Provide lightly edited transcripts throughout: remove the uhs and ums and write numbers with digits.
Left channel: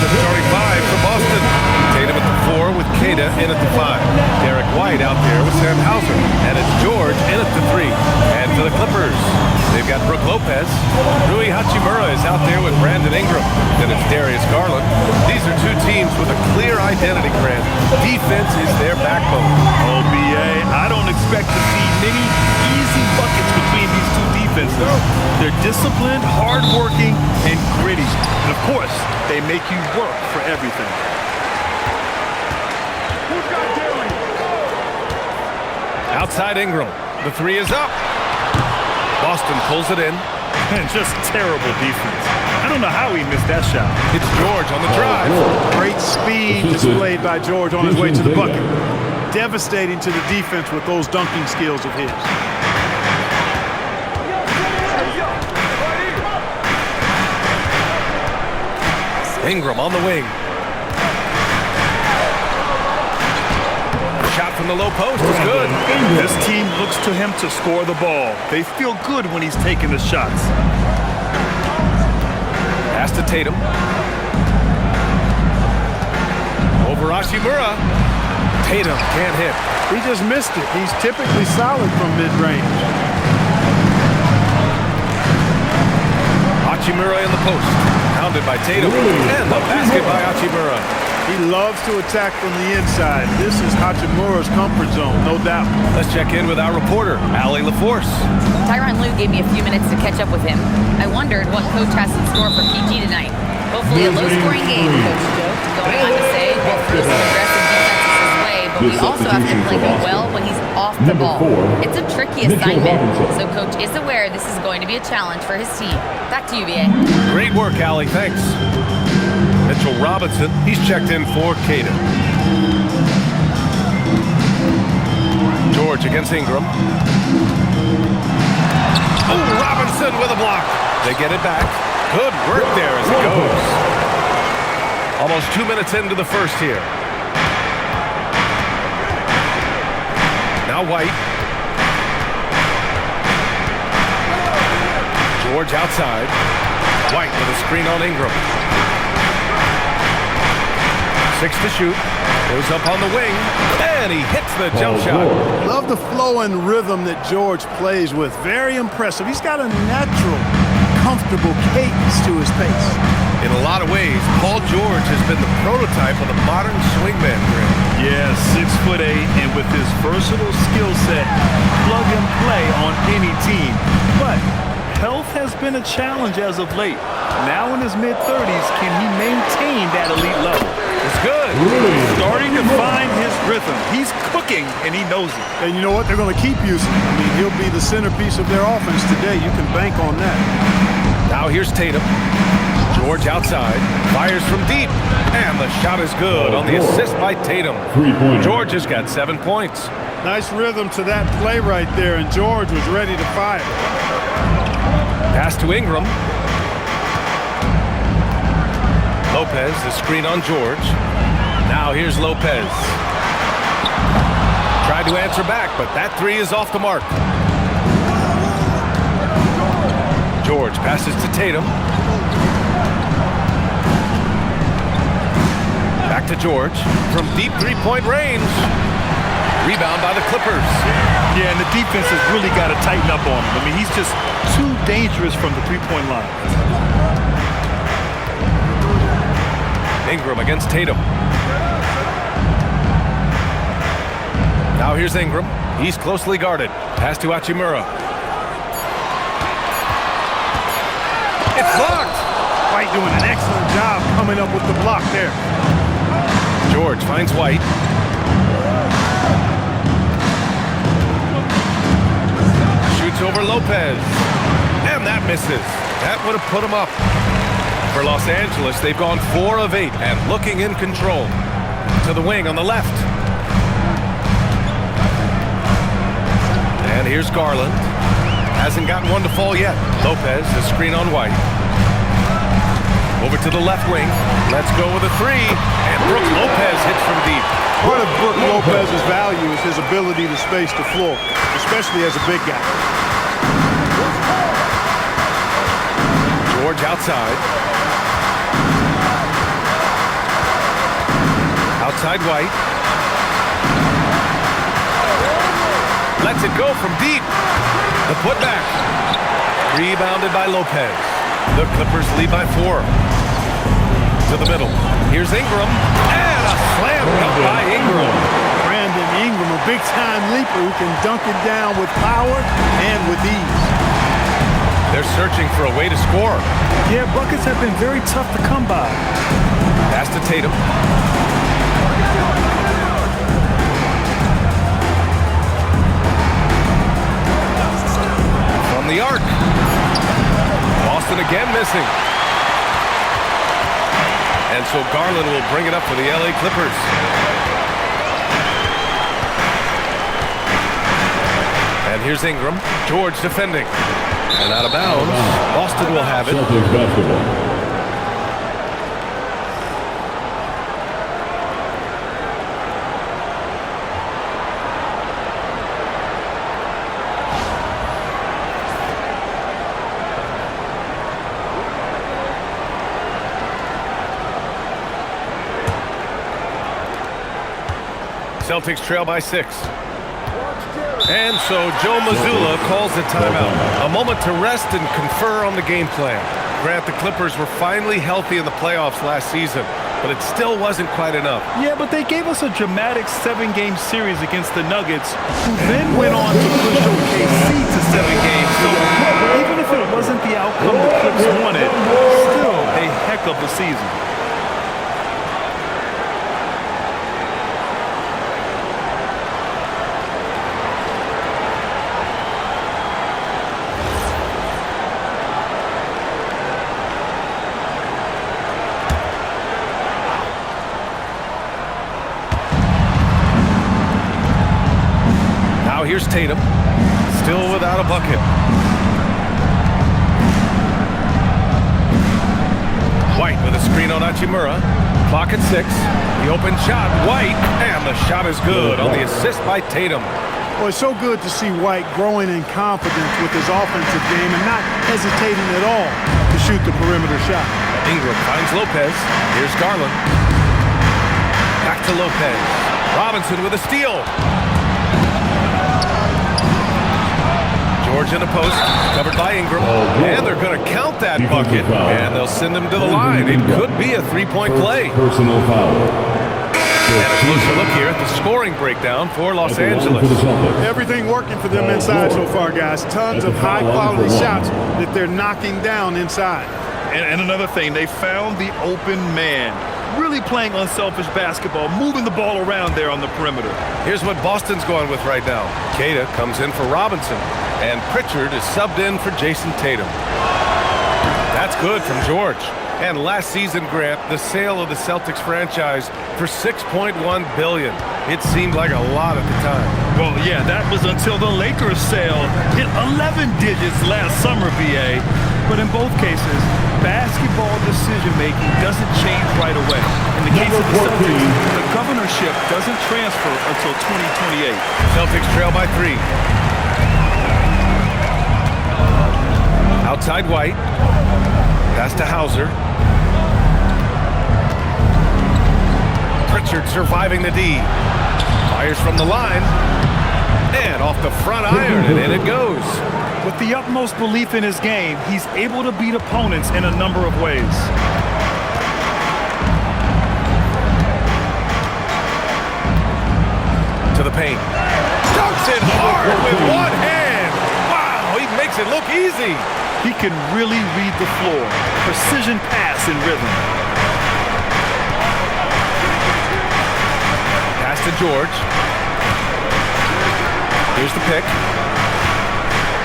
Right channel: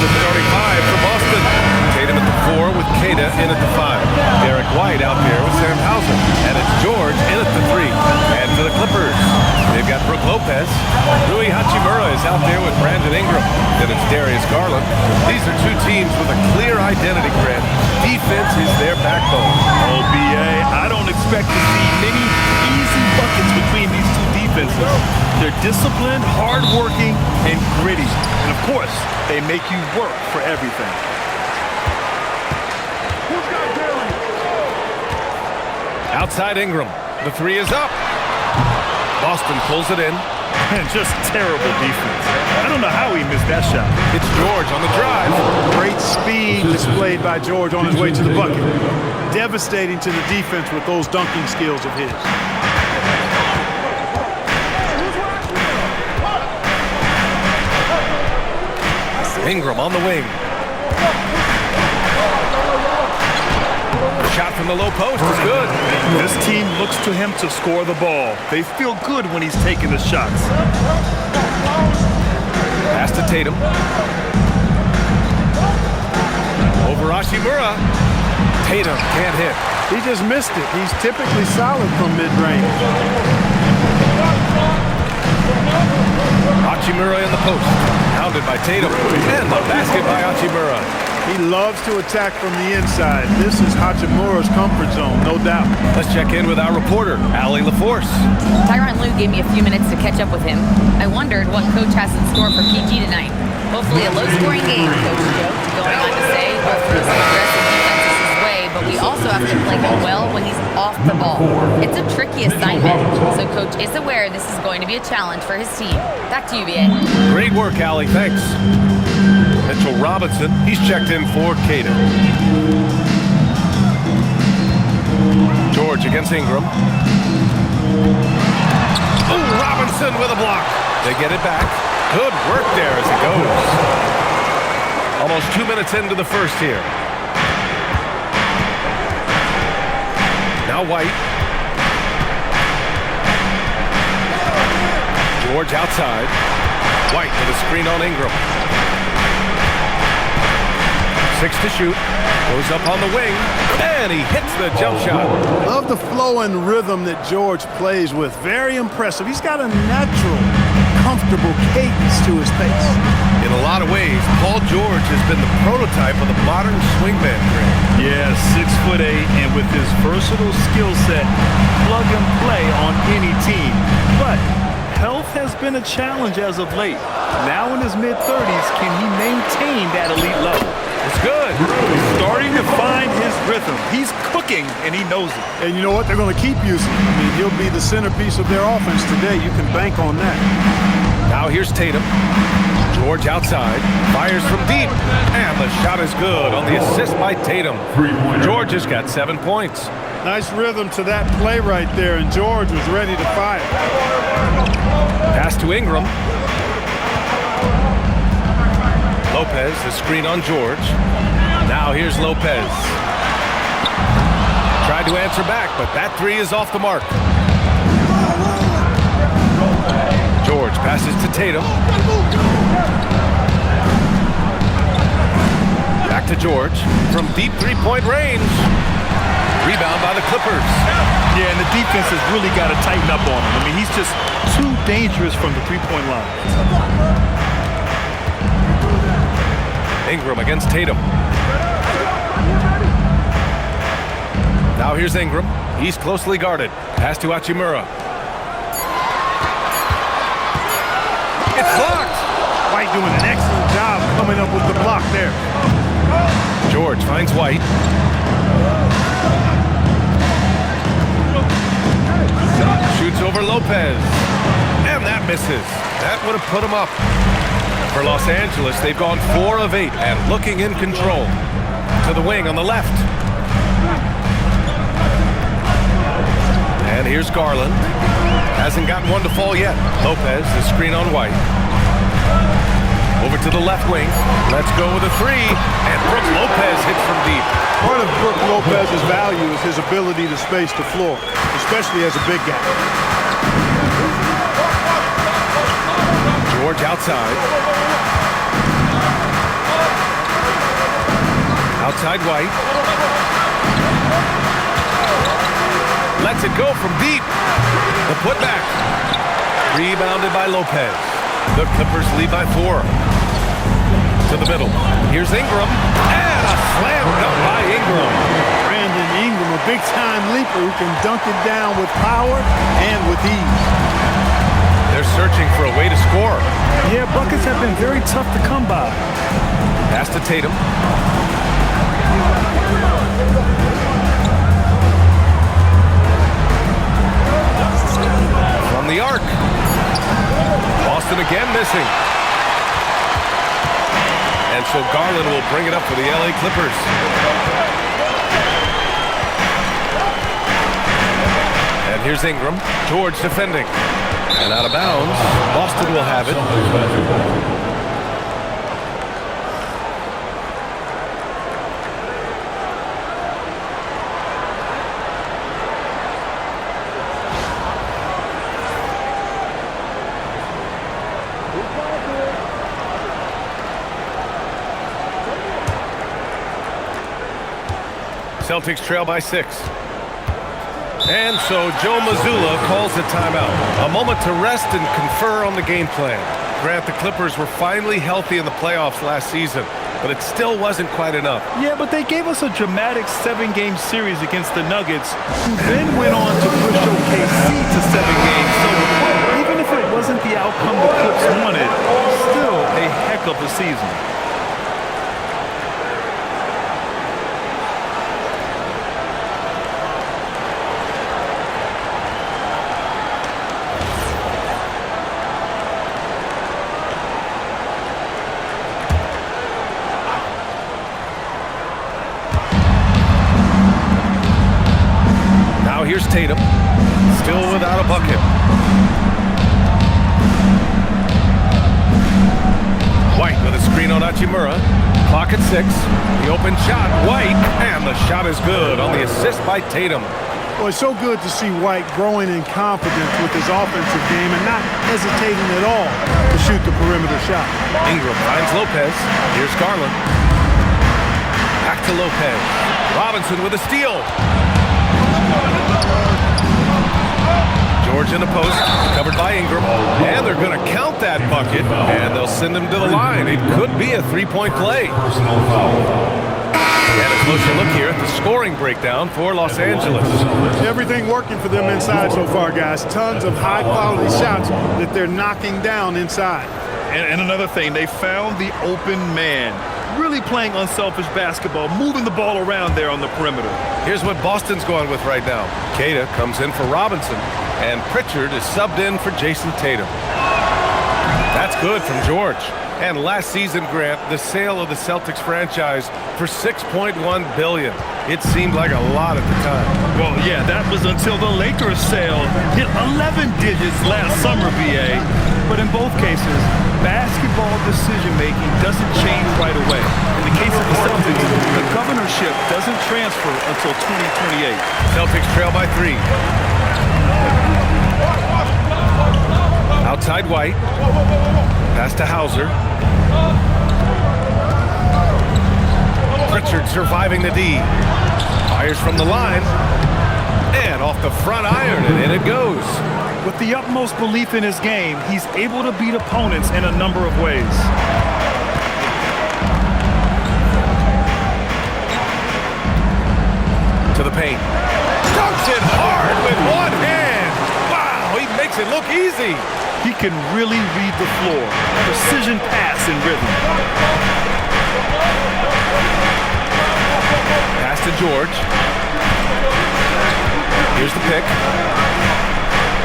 the starting five for Boston. Tatum at the 4 with Kata in at the 5. Derek White out there with Sam Hauser. And it's George in at the 3. And for the Clippers, they've got Brook Lopez. Rui Hachimura is out there with Brandon Ingram. Then it's Darius Garland. These are two teams with a clear identity, Grant. Defense is their backbone. Oh, B.A., I don't expect to see many easy buckets between these two defenses. They're disciplined, hardworking, and gritty. And, of course, they make you work for everything. Who's got Darius? Outside Ingram. The 3 is up. Boston pulls it in. And just terrible defense. I don't know how he missed that shot. It's George on the drive. Great speed displayed by George on his way to the bucket. Devastating to the defense with those dunking skills of his. Ingram on the wing. Shot from the low post is good. This team looks to him to score the ball. They feel good when he's taking the shots. Pass to Tatum. Over Hachimura. Tatum can't hit. He just missed it. He's typically solid from mid-range. Hachimura in the post. Pounded by Tatum. And the basket by Hachimura. He loves to attack from the inside. This is Hachimura's comfort zone, no doubt. Let's check in with our reporter, Allie LaForce. Tyronn Lue gave me a few minutes to catch up with him. I wondered what Coach has in store for PG tonight. Hopefully a low-scoring game, Coach joked, going on to say we'll throw some aggressive defenses his way, but we also have to play him well when he's off the ball. It's a tricky assignment, so Coach is aware this is going to be a challenge for his team. Back to you, B.A. Great work, Allie. Thanks. Mitchell Robinson, he's checked in for Kata. George against Ingram. Oh, Robinson with a block. They get it back. Good work there as it goes. Almost 2 minutes into the first here. Now White. George outside. White with a screen on Ingram. 6 to shoot. Goes up on the wing. And he hits the jump shot. Love the flow and rhythm that George plays with. Very impressive. He's got a natural, comfortable cadence to his pace. In a lot of ways, Paul George has been the prototype of the modern swingman, Grant. Yeah, 6'8", and with his versatile skill set, plug and play on any team. But health has been a challenge as of late. Now in his mid-30s, can he maintain that elite level? It's good. Starting to find his rhythm. He's cooking, and he knows it. And you know what? They're going to keep using him. I mean, he'll be the centerpiece of their offense today. You can bank on that. Now here's Tatum. George outside. Fires from deep. And the shot is good on the assist by Tatum. George has got 7 points. Nice rhythm to that play right there, and George was ready to fire. Pass to Ingram. Lopez, the screen on George. Now here's Lopez. Tried to answer back, but that 3 is off the mark. George passes to Tatum. Back to George from deep three-point range. Rebound by the Clippers. Yeah, and the defense has really got to tighten up on him. I mean, he's just too dangerous from the three-point line. Ingram against Tatum. Now here's Ingram. He's closely guarded. Pass to Hachimura. It's blocked. White doing an excellent job coming up with the block there. George finds White. Shoots over Lopez. And that misses. That would have put him up. For Los Angeles, they've gone 4 of 8 and looking in control. To the wing on the left. And here's Garland. Hasn't gotten one to fall yet. Lopez, the screen on White. Over to the left wing. Let's go with a 3. And Brook Lopez hits from deep. Part of Brook Lopez's value is his ability to space the floor, especially as a big guy. George outside. Outside White. Lets it go from deep. The putback. Rebounded by Lopez. The Clippers lead by 4. To the middle. Here's Ingram. And a slam dunk by Ingram. Brandon Ingram, a big-time leaper who can dunk it down with power and with ease. They're searching for a way to score. Yeah, buckets have been very tough to come by. Pass to Tatum. From the arc. Boston again missing. And so Garland will bring it up for the LA Clippers. And here's Ingram. George defending. And out of bounds. Boston will have it. Celtics basketball. Celtics trail by 6. And so Joe Mazzulla calls the timeout. A moment to rest and confer on the game plan. Grant, the Clippers were finally healthy in the playoffs last season, but it still wasn't quite enough. Yeah, but they gave us a dramatic 7-game series against the Nuggets, who then went on to push OKC to 7 games. So even if it wasn't the outcome the Clips wanted, still a heck of a season. Now here's Tatum, still without a bucket. White with a screen on Hachimura. Clock at 6. The open shot, White, and the shot is good on the assist by Tatum. Well, it's so good to see White growing in confidence with his offensive game and not hesitating at all to shoot the perimeter shot. Ingram finds Lopez. Here's Garland. Back to Lopez. Robinson with a steal. George in the post, covered by Ingram, and they're going to count that bucket, and they'll send him to the line. It could be a three-point play. Personal foul. And a closer look here at the scoring breakdown for Los Angeles. Everything working for them inside so far, guys. Tons of high-quality shots that they're knocking down inside. And another thing, they found the open man. Really playing unselfish basketball, moving the ball around there on the perimeter. Here's what Boston's going with right now. Queta comes in for Robinson, and Pritchard is subbed in for Jason Tatum. That's good from George. And last season, Grant, the sale of the Celtics franchise for $6.1 billion. It seemed like a lot at the time. Well, yeah, that was until the Lakers sale hit 11 digits last summer, BA. But in both cases, basketball decision-making doesn't change right away. In the case of the Celtics, the governorship doesn't transfer until 2028. Celtics trail by 3. Outside White. Pass to Hauser. Pritchard surviving the D. Fires from the line. And off the front iron, and in it goes. With the utmost belief in his game, he's able to beat opponents in a number of ways. To the paint. Dunks it hard with one hand. Wow, he makes it look easy. He can really read the floor. Precision pass and rhythm. Pass to George. Here's the pick.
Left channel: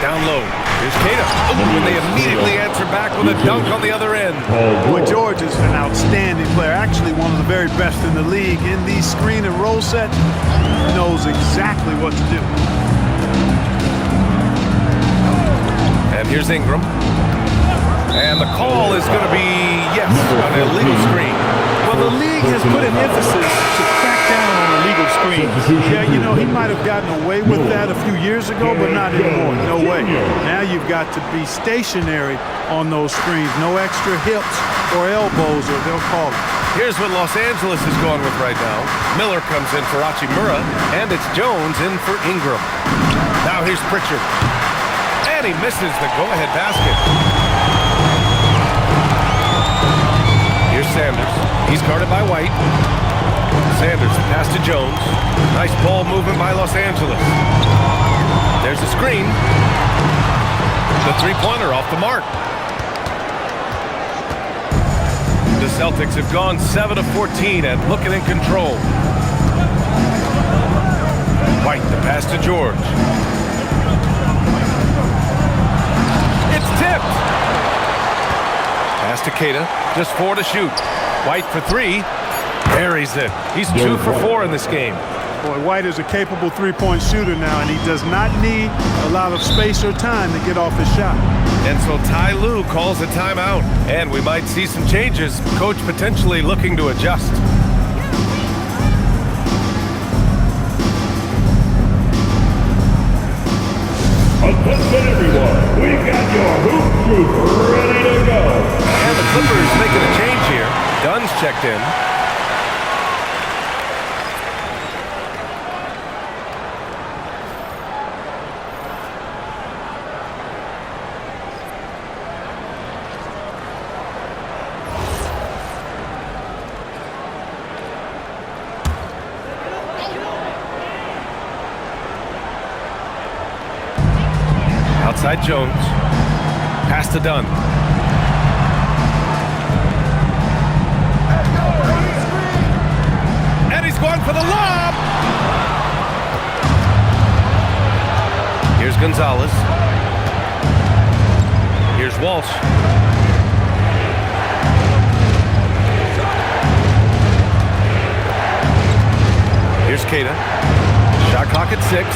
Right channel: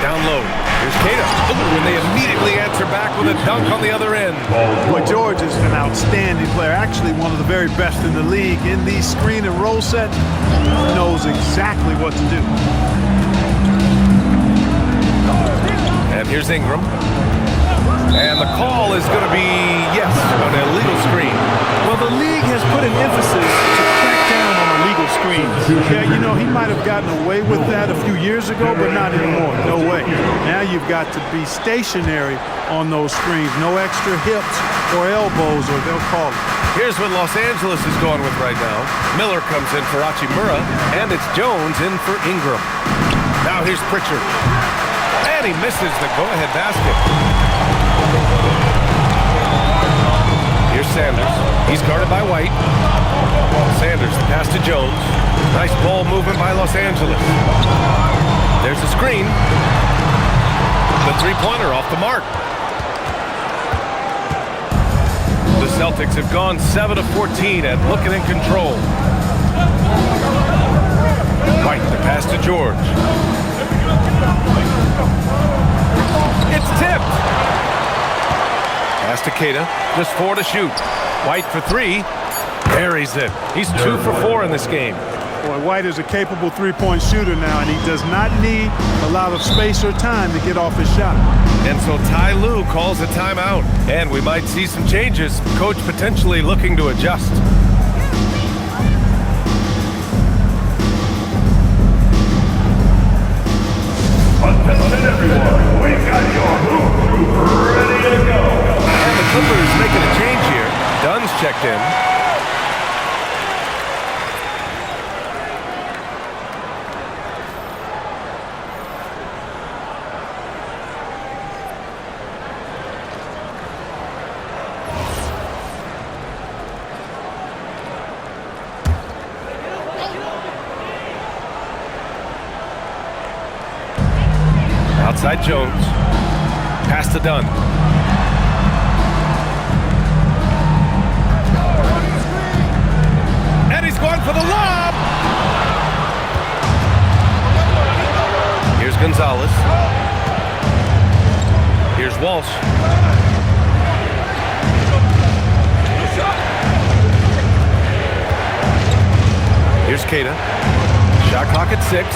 Down low. Here's Queta. Ooh, and they immediately answer back with a dunk on the other end. Boy, George is an outstanding player. Actually, one of the very best in the league. In these screen and roll sets, he knows exactly what to do. And here's Ingram. And the call is going to be, yes, an illegal screen. Well, the league has put an emphasis to crack down on illegal screens. Yeah, you know, he might have gotten away with that a few years ago, but not anymore. No way. Now you've got to be stationary on those screens. No extra hips or elbows, or they'll call it. Here's what Los Angeles is going with right now. Miller comes in for Hachimura, and it's Jones in for Ingram. Now here's Pritchard. And he misses the go-ahead basket. Here's Sanders. He's guarded by White. Sanders, the pass to Jones. Nice ball movement by Los Angeles. There's a screen. The three-pointer off the mark. The Celtics have gone 7 of 14 and looking in control. White, the pass to George. It's tipped. Pass to Keita. Just 4 to shoot. White for 3. Buries it. He's 2 for 4 in this game. Boy, White is a capable three-point shooter now, and he does not need a lot of space or time to get off his shot. And so Ty Lue calls a timeout. And we might see some changes. Coach potentially looking to adjust. Attention everyone, we've got your hoop troop ready to go. And the Clippers making a change here. Dunn's checked in. Outside Jones. Pass to Dunn. And he's going for the lob. Here's Gonzalez. Here's Walsh. Here's Keita. Shot clock at 6.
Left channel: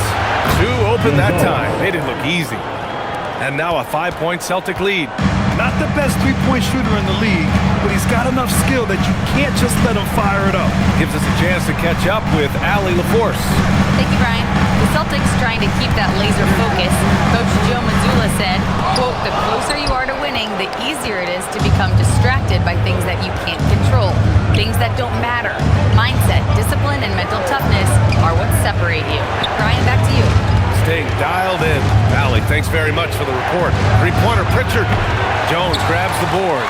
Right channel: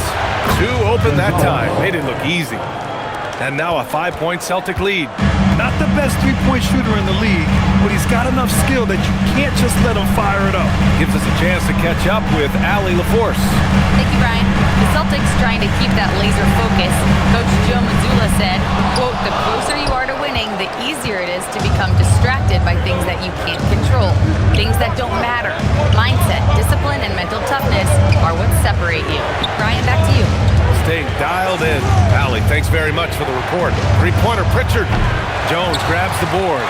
2 open that time. Made it look easy. And now a 5-point Celtic lead. Not the best three-point shooter in the league, but he's got enough skill that you can't just let him fire it up. Gives us a chance to catch up with Allie LaForce. Thank you, Brian. The Celtics trying to keep that laser focus. Coach Joe Mazzulla said, quote, "The closer you are to winning, the easier it is to become distracted by things that you can't control, things that don't matter. Mindset, discipline, and mental toughness are what separate you." Brian, back to you. Staying dialed in. Allie, thanks very much for the report. Three-pointer, Pritchard. Jones grabs the board.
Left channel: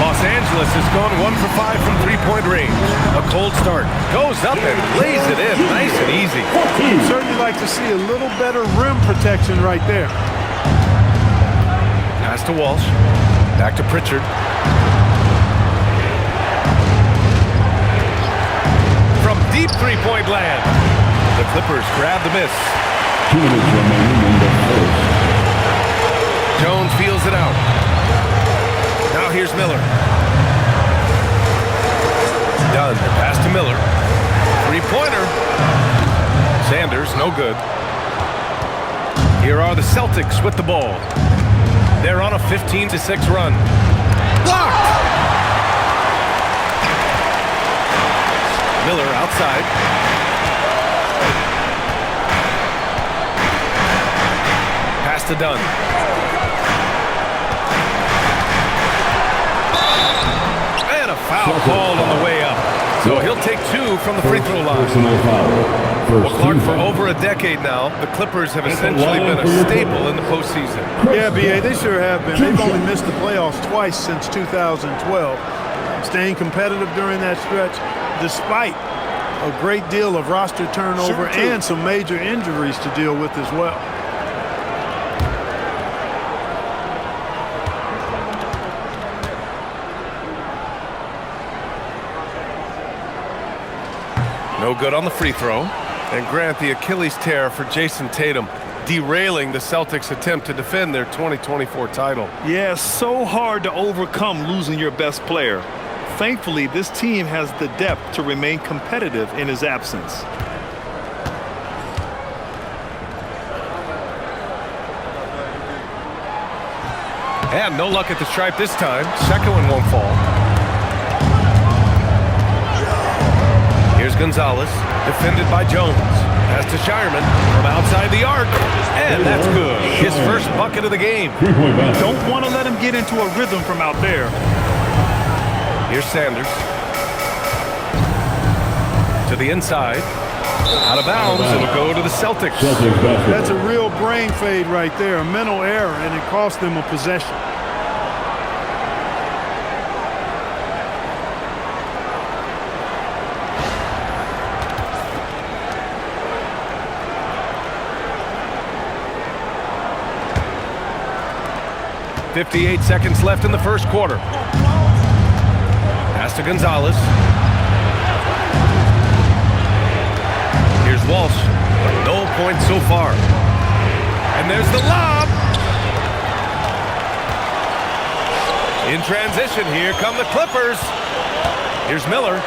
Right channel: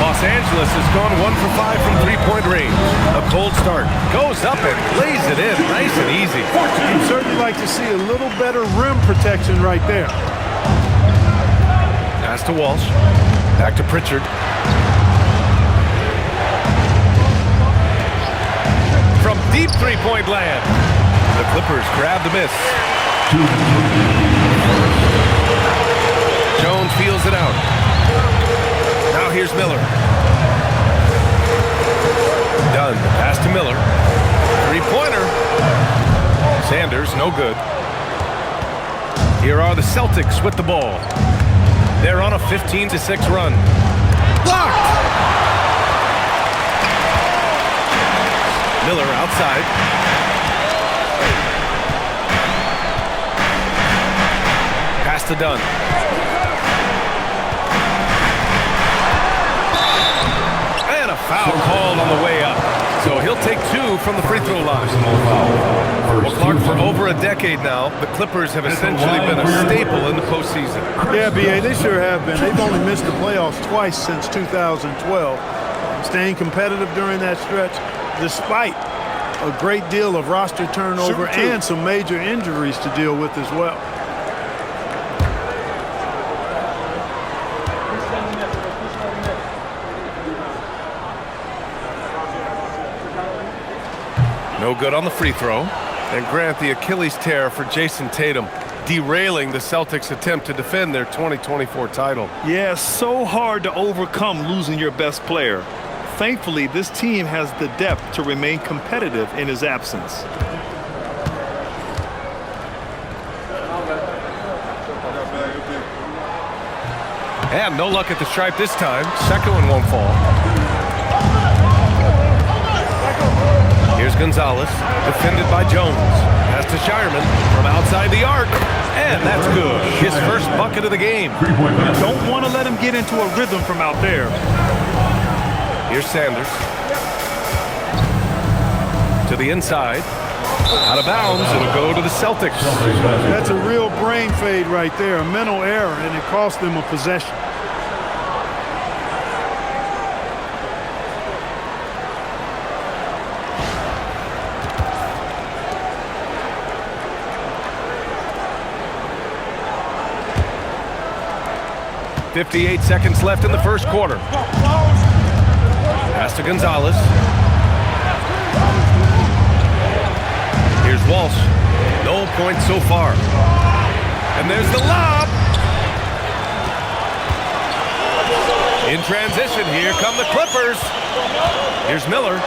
Los Angeles has gone 1 for 5 from three-point range. A cold start. Goes up and lays it in. Nice and easy. You'd certainly like to see a little better rim protection right there. Pass to Walsh. Back to Pritchard. From deep three-point land. The Clippers grab the miss. Jones feels it out. Now here's Miller. Dunn, pass to Miller. Three-pointer. Sanders, no good. Here are the Celtics with the ball. They're on a 15-6 run. Blocked! Miller outside. Pass to Dunn. And a foul called on the way up. So he'll take 2 from the free throw line. Well, Clark, for over a decade now, the Clippers have essentially been a staple in the postseason. Yeah, B.A., they sure have been. They've only missed the playoffs twice since 2012. Staying competitive during that stretch, despite a great deal of roster turnover and some major injuries to deal with as well. No good on the free throw. And Grant, the Achilles tear for Jason Tatum, derailing the Celtics' attempt to defend their 2024 title. Yeah, so hard to overcome losing your best player. Thankfully, this team has the depth to remain competitive in his absence. And no luck at the stripe this time. Second one won't fall. Here's Gonzalez, defended by Jones. Pass to Shireman from outside the arc. And that's good. His first bucket of the game. Don't want to let him get into a rhythm from out there. Here's Sanders. To the inside. Out of bounds. It'll go to the Celtics. That's a real brain fade right there, a mental error, and it cost them a possession. .58 seconds left in the first quarter. Pass to Gonzalez. Here's Walsh. No points so far. And there's the lob. In transition, here come the Clippers. Here's Miller.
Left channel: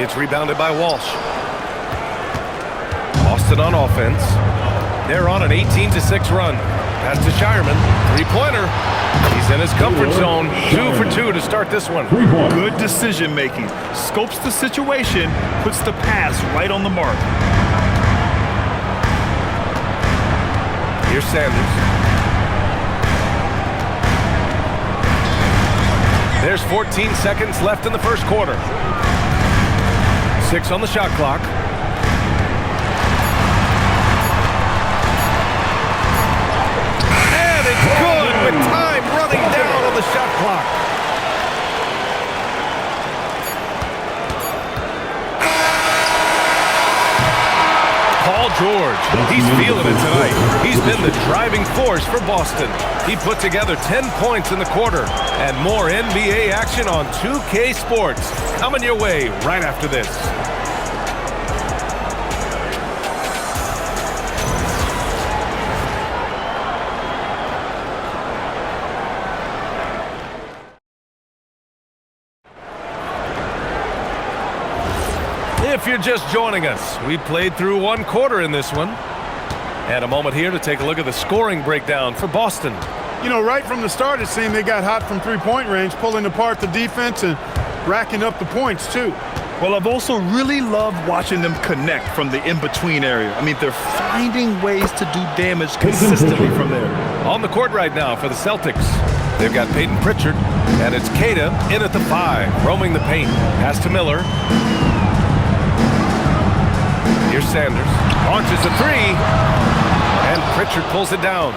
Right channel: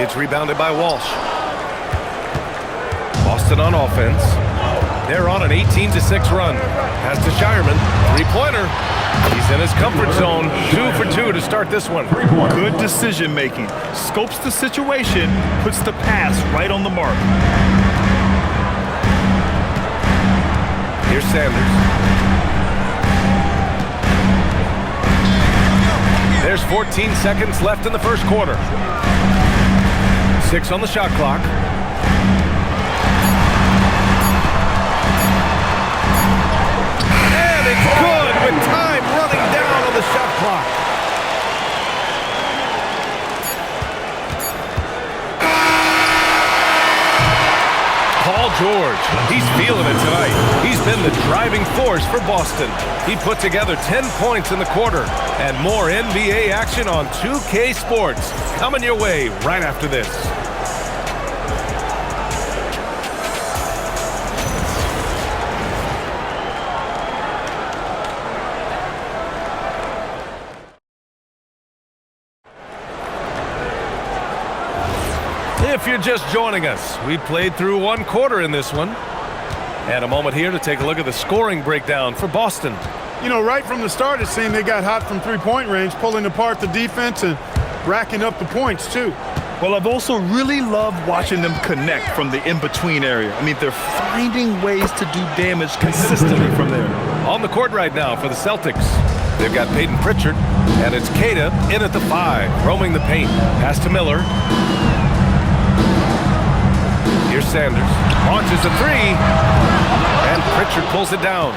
It's rebounded by Walsh. Boston on offense. They're on an 18-6 run. Pass to Shireman. Three-pointer. He's in his comfort zone. 2 for 2 to start this one. Good decision making. Scopes the situation, puts the pass right on the mark. Here's Sanders. There's 14 seconds left in the first quarter. 6 on the shot clock. And it's good with time running down on the shot clock. Paul George, he's feeling it tonight. He's been the driving force for Boston. He put together 10 points in the quarter. And more NBA action on 2K Sports coming your way right after this. If you're just joining us, we played through one quarter in this one. And a moment here to take a look at the scoring breakdown for Boston. You know, right from the start, it seemed they got hot from three-point range, pulling apart the defense and racking up the points, too. Well, I've also really loved watching them connect from the in-between area. I mean, they're finding ways to do damage consistently from there. On the court right now for the Celtics, they've got Peyton Pritchard, and it's Queta in at the 5, roaming the paint. Pass to Miller. Here's Sanders. Launches a 3. And Pritchard pulls it down.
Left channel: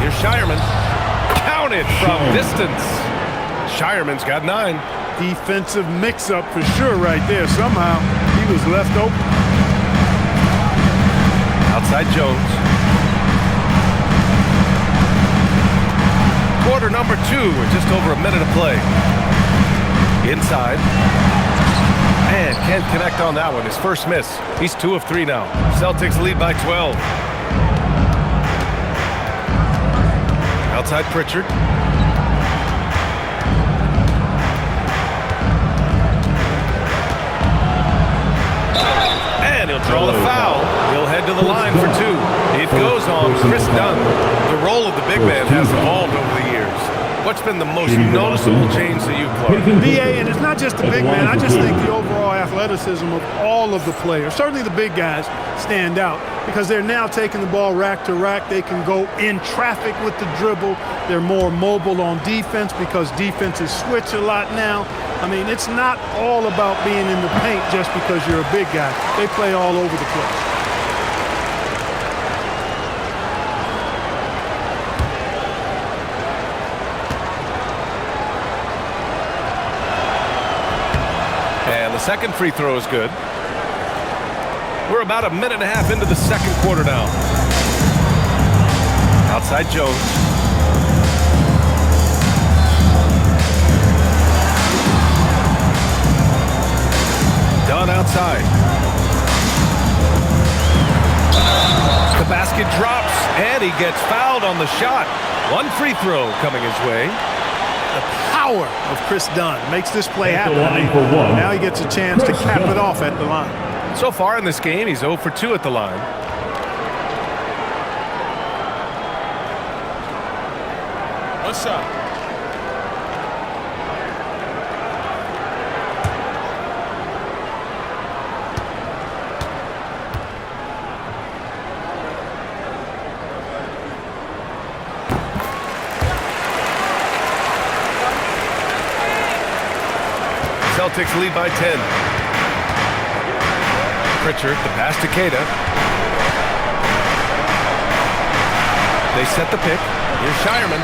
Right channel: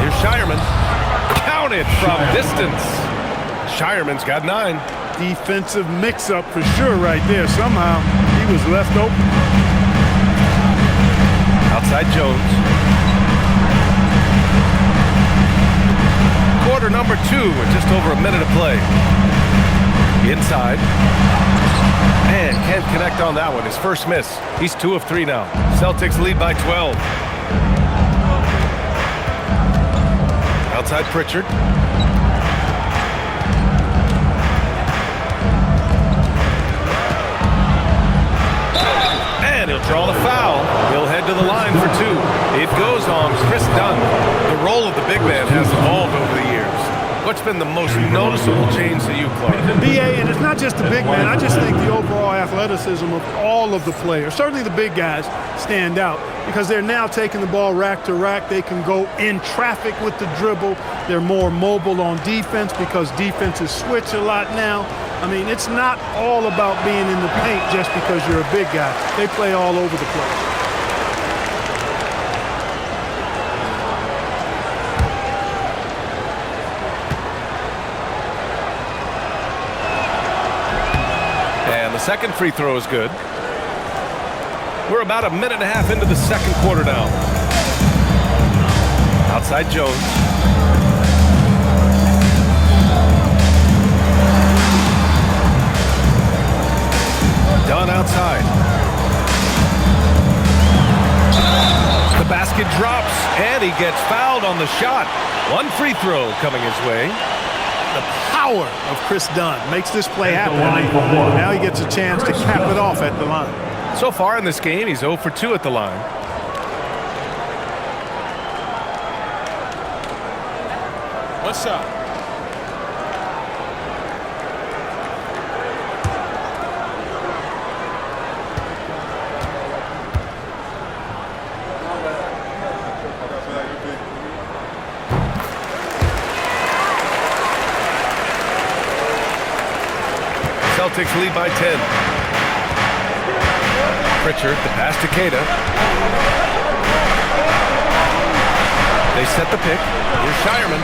Here's Shireman. Counted from distance. Shireman's got 9. Defensive mix-up for sure right there. Somehow he was left open. Outside Jones. Quarter number 2 with just over a minute of play. Inside. And can't connect on that one. His first miss. He's 2 of 3 now. Celtics lead by 12. Outside Pritchard. And he'll draw the foul. He'll head to the line for 2. It goes on Chris Dunn. The role of the big man has evolved over the years. What's been the most noticeable change to you, Clark? BA, and it's not just the big man. I just think the overall athleticism of all of the players, certainly the big guys, stand out because they're now taking the ball rack to rack. They can go in traffic with the dribble. They're more mobile on defense because defenses switch a lot now. I mean, it's not all about being in the paint just because you're a big guy. They play all over the place. And the second free throw is good. We're about a minute and a half into the second quarter now. Outside Jones. Dunn outside. The basket drops, and he gets fouled on the shot. One free throw coming his way. The power of Chris Dunn makes this play happen. I mean, now he gets a chance to cap it off at the line. So far in this game, he's 0 for 2 at the line. One shot. Celtics lead by 10. Pritchard, the pass to Queta. They set the pick. Here's Shireman.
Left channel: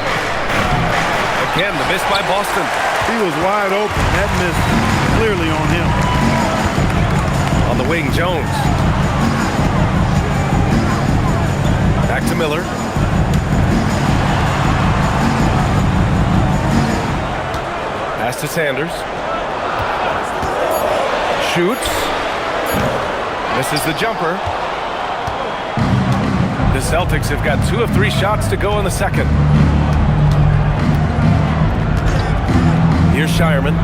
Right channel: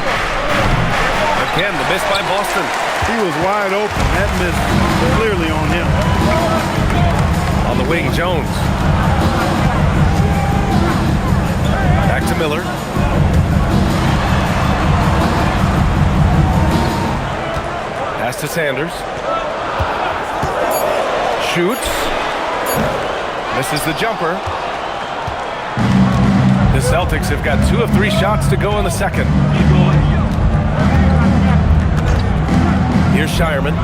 Again, the miss by Boston. He was wide open. That miss clearly on him. On the wing, Jones. Back to Miller. Pass to Sanders. Shoots. Misses the jumper. The Celtics have got 2 of 3 shots to go in the second. Here's Shireman.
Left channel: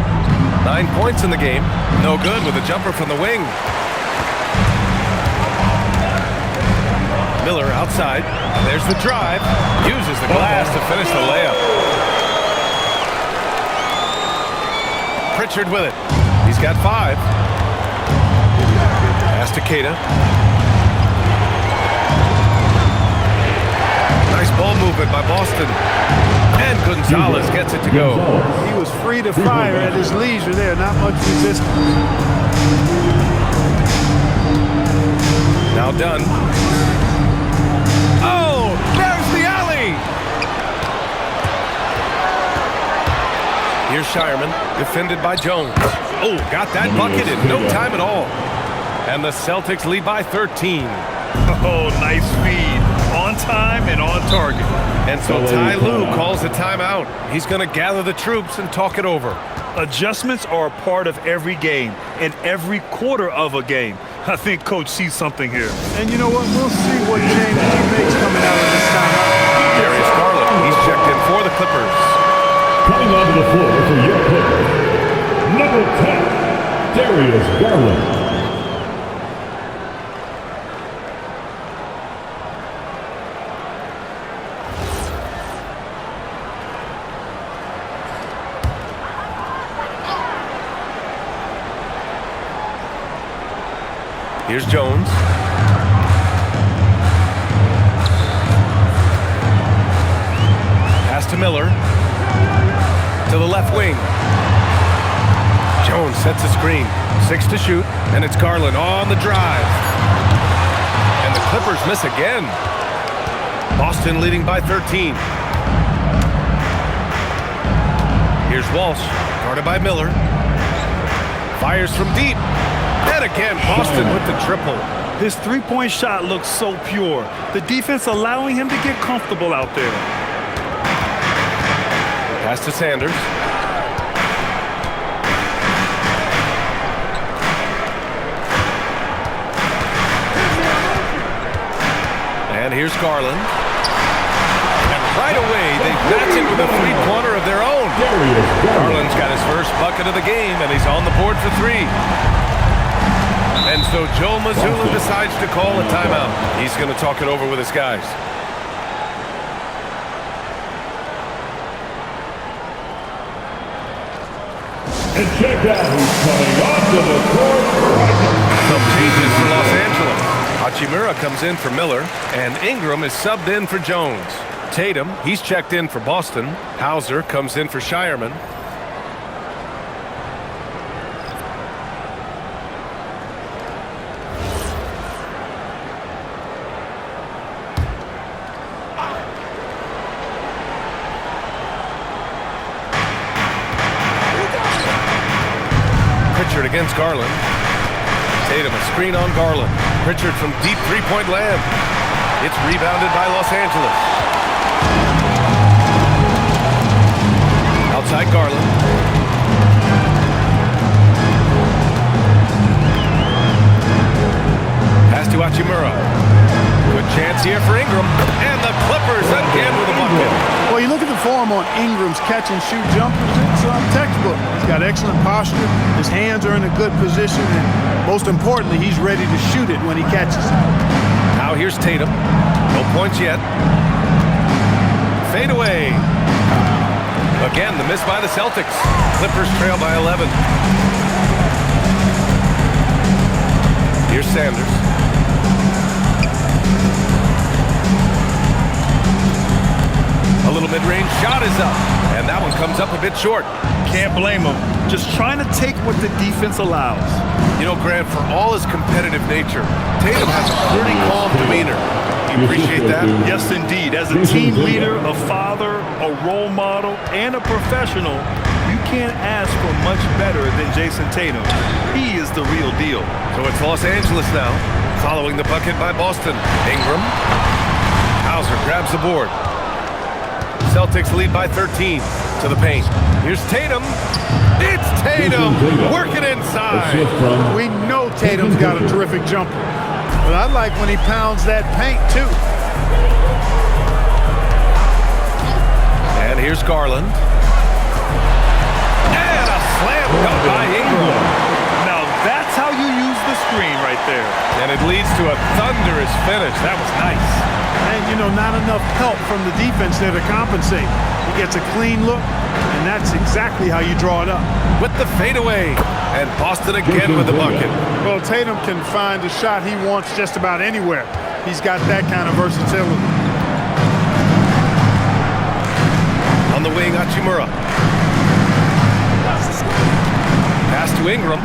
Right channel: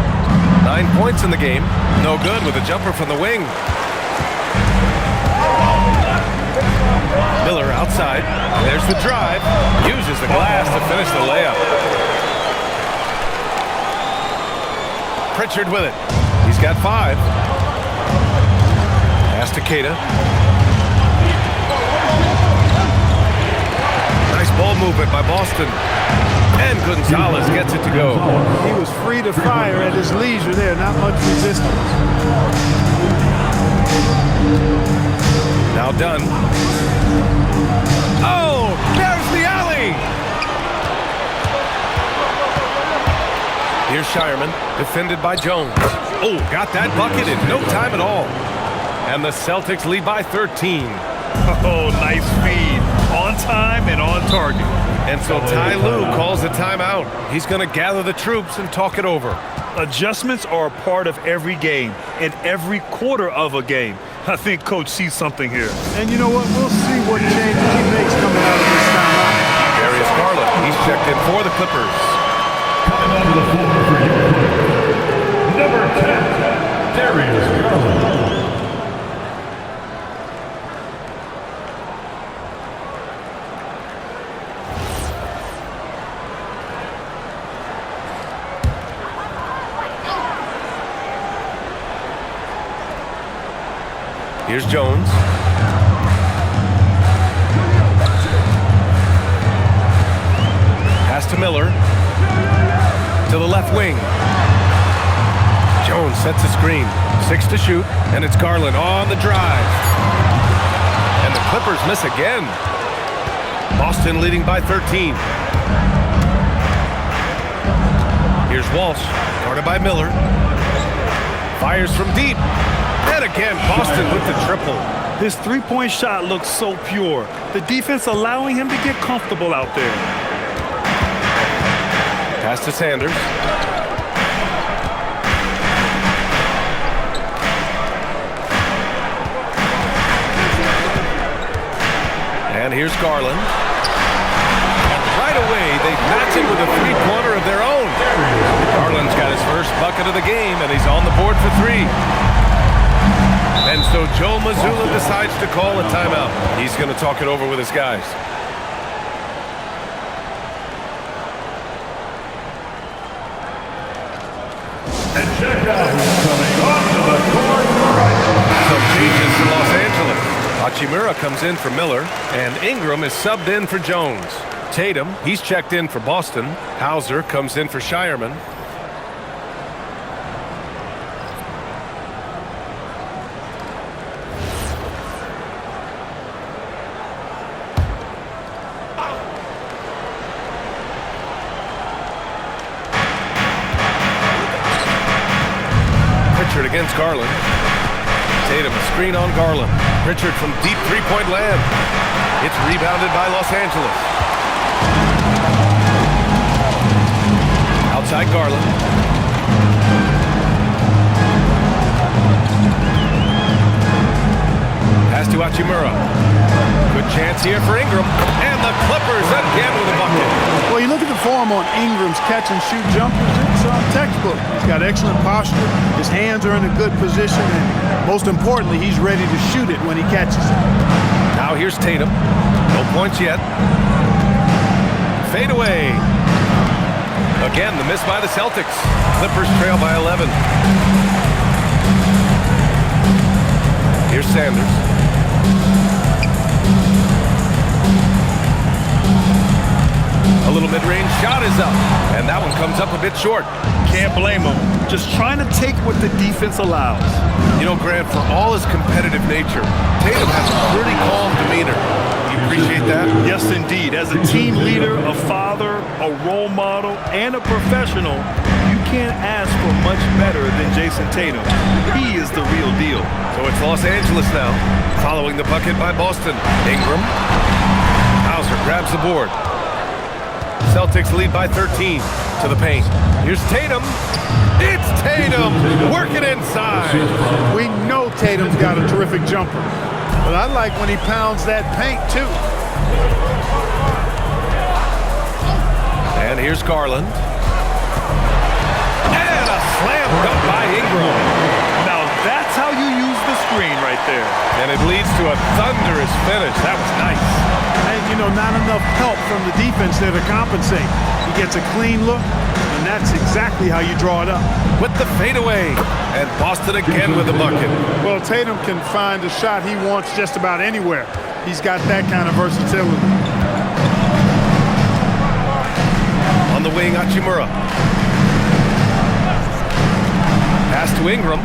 9 points in the game. No good with a jumper from the wing. Miller outside. There's the drive. Uses the glass to finish the layup. Pritchard with it. He's got 5. Pass to Queta. Nice ball movement by Boston. And Gonzalez gets it to go. He was free to fire at his leisure there. Not much resistance. Now done. Oh, there's the alley. Here's Shireman, defended by Jones. Oh, got that bucket in no time at all. And the Celtics lead by 13. Oh, nice feed. On time and on target. And so Ty Lue calls a timeout. He's going to gather the troops and talk it over. Adjustments are a part of every game and every quarter of a game. I think Coach sees something here. And you know what? We'll see what changes he makes coming out of this timeout. Darius Garland, he's checked in for the Clippers. Coming onto the floor for your Clippers, number 10, Darius Garland. Here's Jones. Pass to Miller. To the left wing. Jones sets a screen. 6 to shoot, and it's Garland on the drive. And the Clippers miss again. Boston leading by 13. Here's Walsh, guarded by Miller. Fires from deep. And again, Boston with the triple. His three-point shot looks so pure. The defense allowing him to get comfortable out there. Pass to Sanders. And here's Garland. And right away, they match it with a three-pointer of their own. Garland's got his first bucket of the game, and he's on the board for 3. And so Joe Mazzulla decides to call a timeout. He's going to talk it over with his guys. And check out who's coming onto the court right now. Some changes for Los Angeles. Hachimura comes in for Miller, and Ingram is subbed in for Jones. Tatum, he's checked in for Boston. Hauser comes in for Shireman. Pritchard against Garland. Tatum, a screen on Garland. Pritchard from deep three-point land. It's rebounded by Los Angeles. Outside Garland. Pass to Hachimura. Good chance here for Ingram. And the Clippers again with a bucket. Well, you look at the form on Ingram's catch-and-shoot jumpers, it's textbook. He's got excellent posture. His hands are in a good position, and most importantly, he's ready to shoot it when he catches it. Now here's Tatum. No points yet. Fade away. Again, the miss by the Celtics. Clippers trail by 11. Here's Sanders. A little mid-range shot is up. And that one comes up a bit short. Can't blame him. Just trying to take what the defense allows. You know, Grant, for all his competitive nature, Tatum has a pretty calm demeanor. Do you appreciate that? Yes, indeed. As a team leader, a father, a role model, and a professional, you can't ask for much better than Jason Tatum. He is the real deal. So it's Los Angeles now, following the bucket by Boston. Ingram. Hauser grabs the board. Celtics lead by 13 to the paint. Here's Tatum. It's Tatum working inside. We know Tatum's got a terrific jumper, but I like when he pounds that paint too. And here's Garland. And a slam dunk by Ingram. Now that's how you use the screen right there. And it leads to a thunderous finish. That was nice. And, you know, not enough help from the defense there to compensate. He gets a clean look, and that's exactly how you draw it up. With the fadeaway. And Boston again with the bucket. Well, Tatum can find a shot he wants just about anywhere. He's got that kind of versatility. On the wing, Hachimura. Pass to Ingram.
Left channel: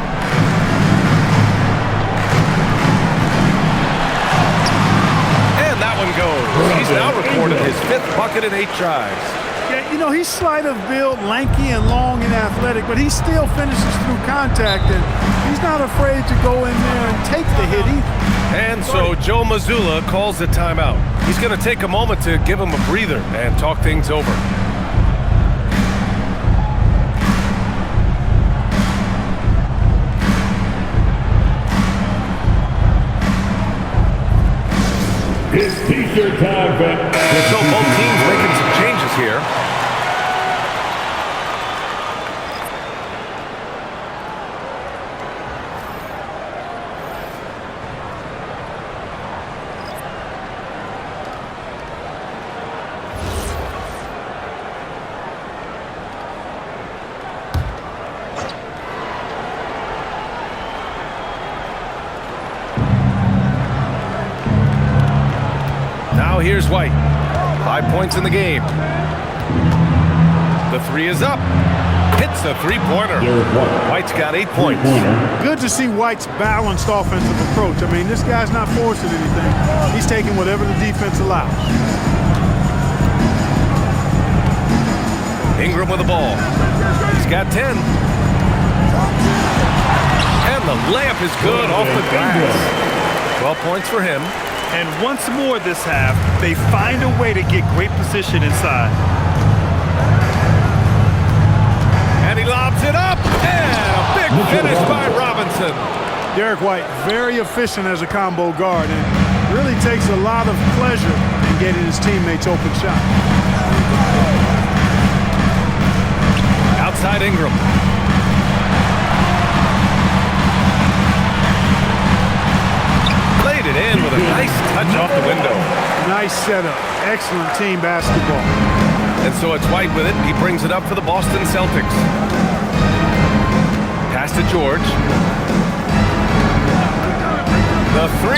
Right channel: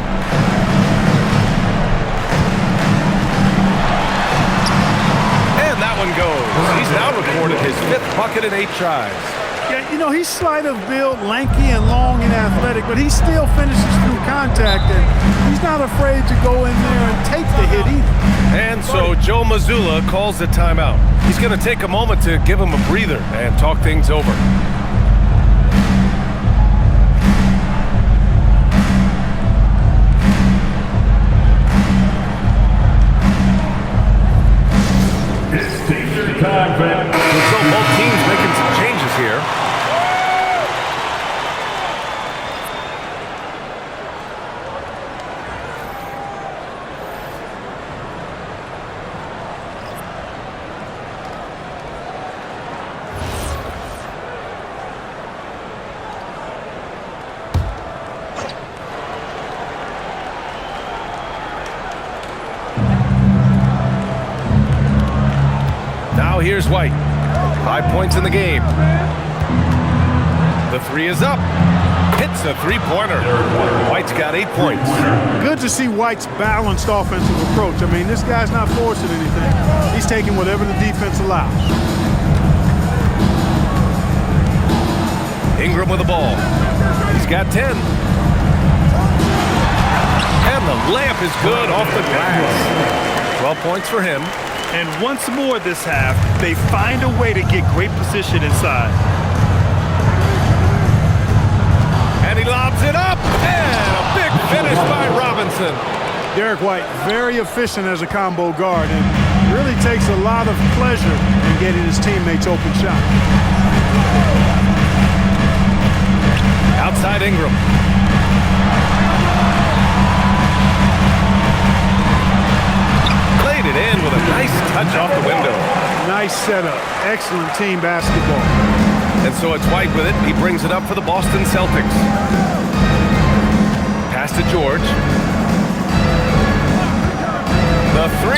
And that one goes. He's now recorded his 5th bucket in 8 tries. Yeah, you know, he's slight of build, lanky and long and athletic, but he still finishes through contact, and he's not afraid to go in there and take the hit either. And so Joe Mazzulla calls the timeout. He's going to take a moment to give him a breather and talk things over. It's t-shirt time, man. So both teams making some changes here. Now here's White. 5 points in the game. The 3 is up. Hits a 3-pointer. White's got 8 points. Good to see White's balanced offensive approach. I mean, this guy's not forcing anything. He's taking whatever the defense allows. Ingram with the ball. He's got 10. And the layup is good off the glass. 12 points for him. And once more this half, they find a way to get great position inside. And he lobs it up. And a big finish by Robinson. Derek White, very efficient as a combo guard, and really takes a lot of pleasure in getting his teammates open shot. Outside Ingram. Played it in with a nice touch off the window. Nice setup. Excellent team basketball. And so it's White with it. He brings it up for the Boston Celtics. Pass to George. The 3.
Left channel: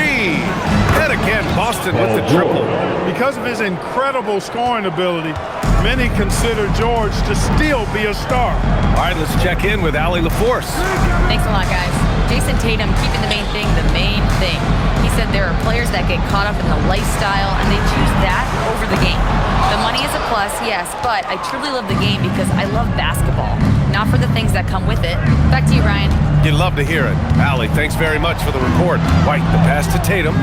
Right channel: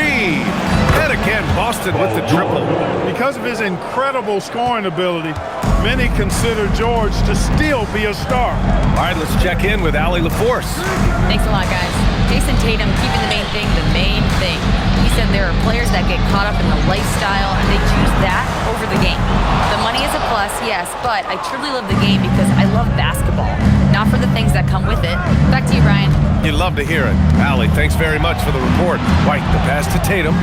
And again, Boston with the triple. Because of his incredible scoring ability, many consider George to still be a star. All right, let's check in with Allie LaForce. Thanks a lot, guys. Jason Tatum keeping the main thing the main thing. He said there are players that get caught up in the lifestyle and they choose that over the game. The money is a plus, yes, but I truly love the game because I love basketball, not for the things that come with it. Back to you, Brian. You'd love to hear it. Allie, thanks very much for the report. White, the pass to Tatum.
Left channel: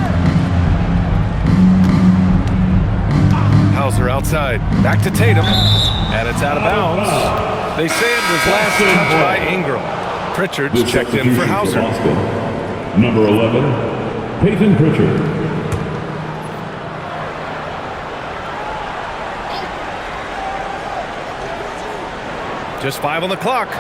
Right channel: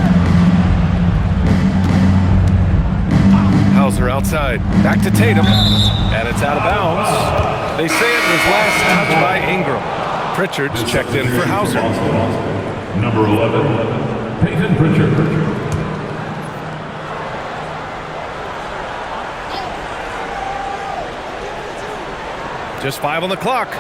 Hauser outside. Back to Tatum. And it's out of bounds. They say it was last touched by Ingram. Pritchard's checked in for Hauser. Number 11, Peyton Pritchard. Just 5 on the clock.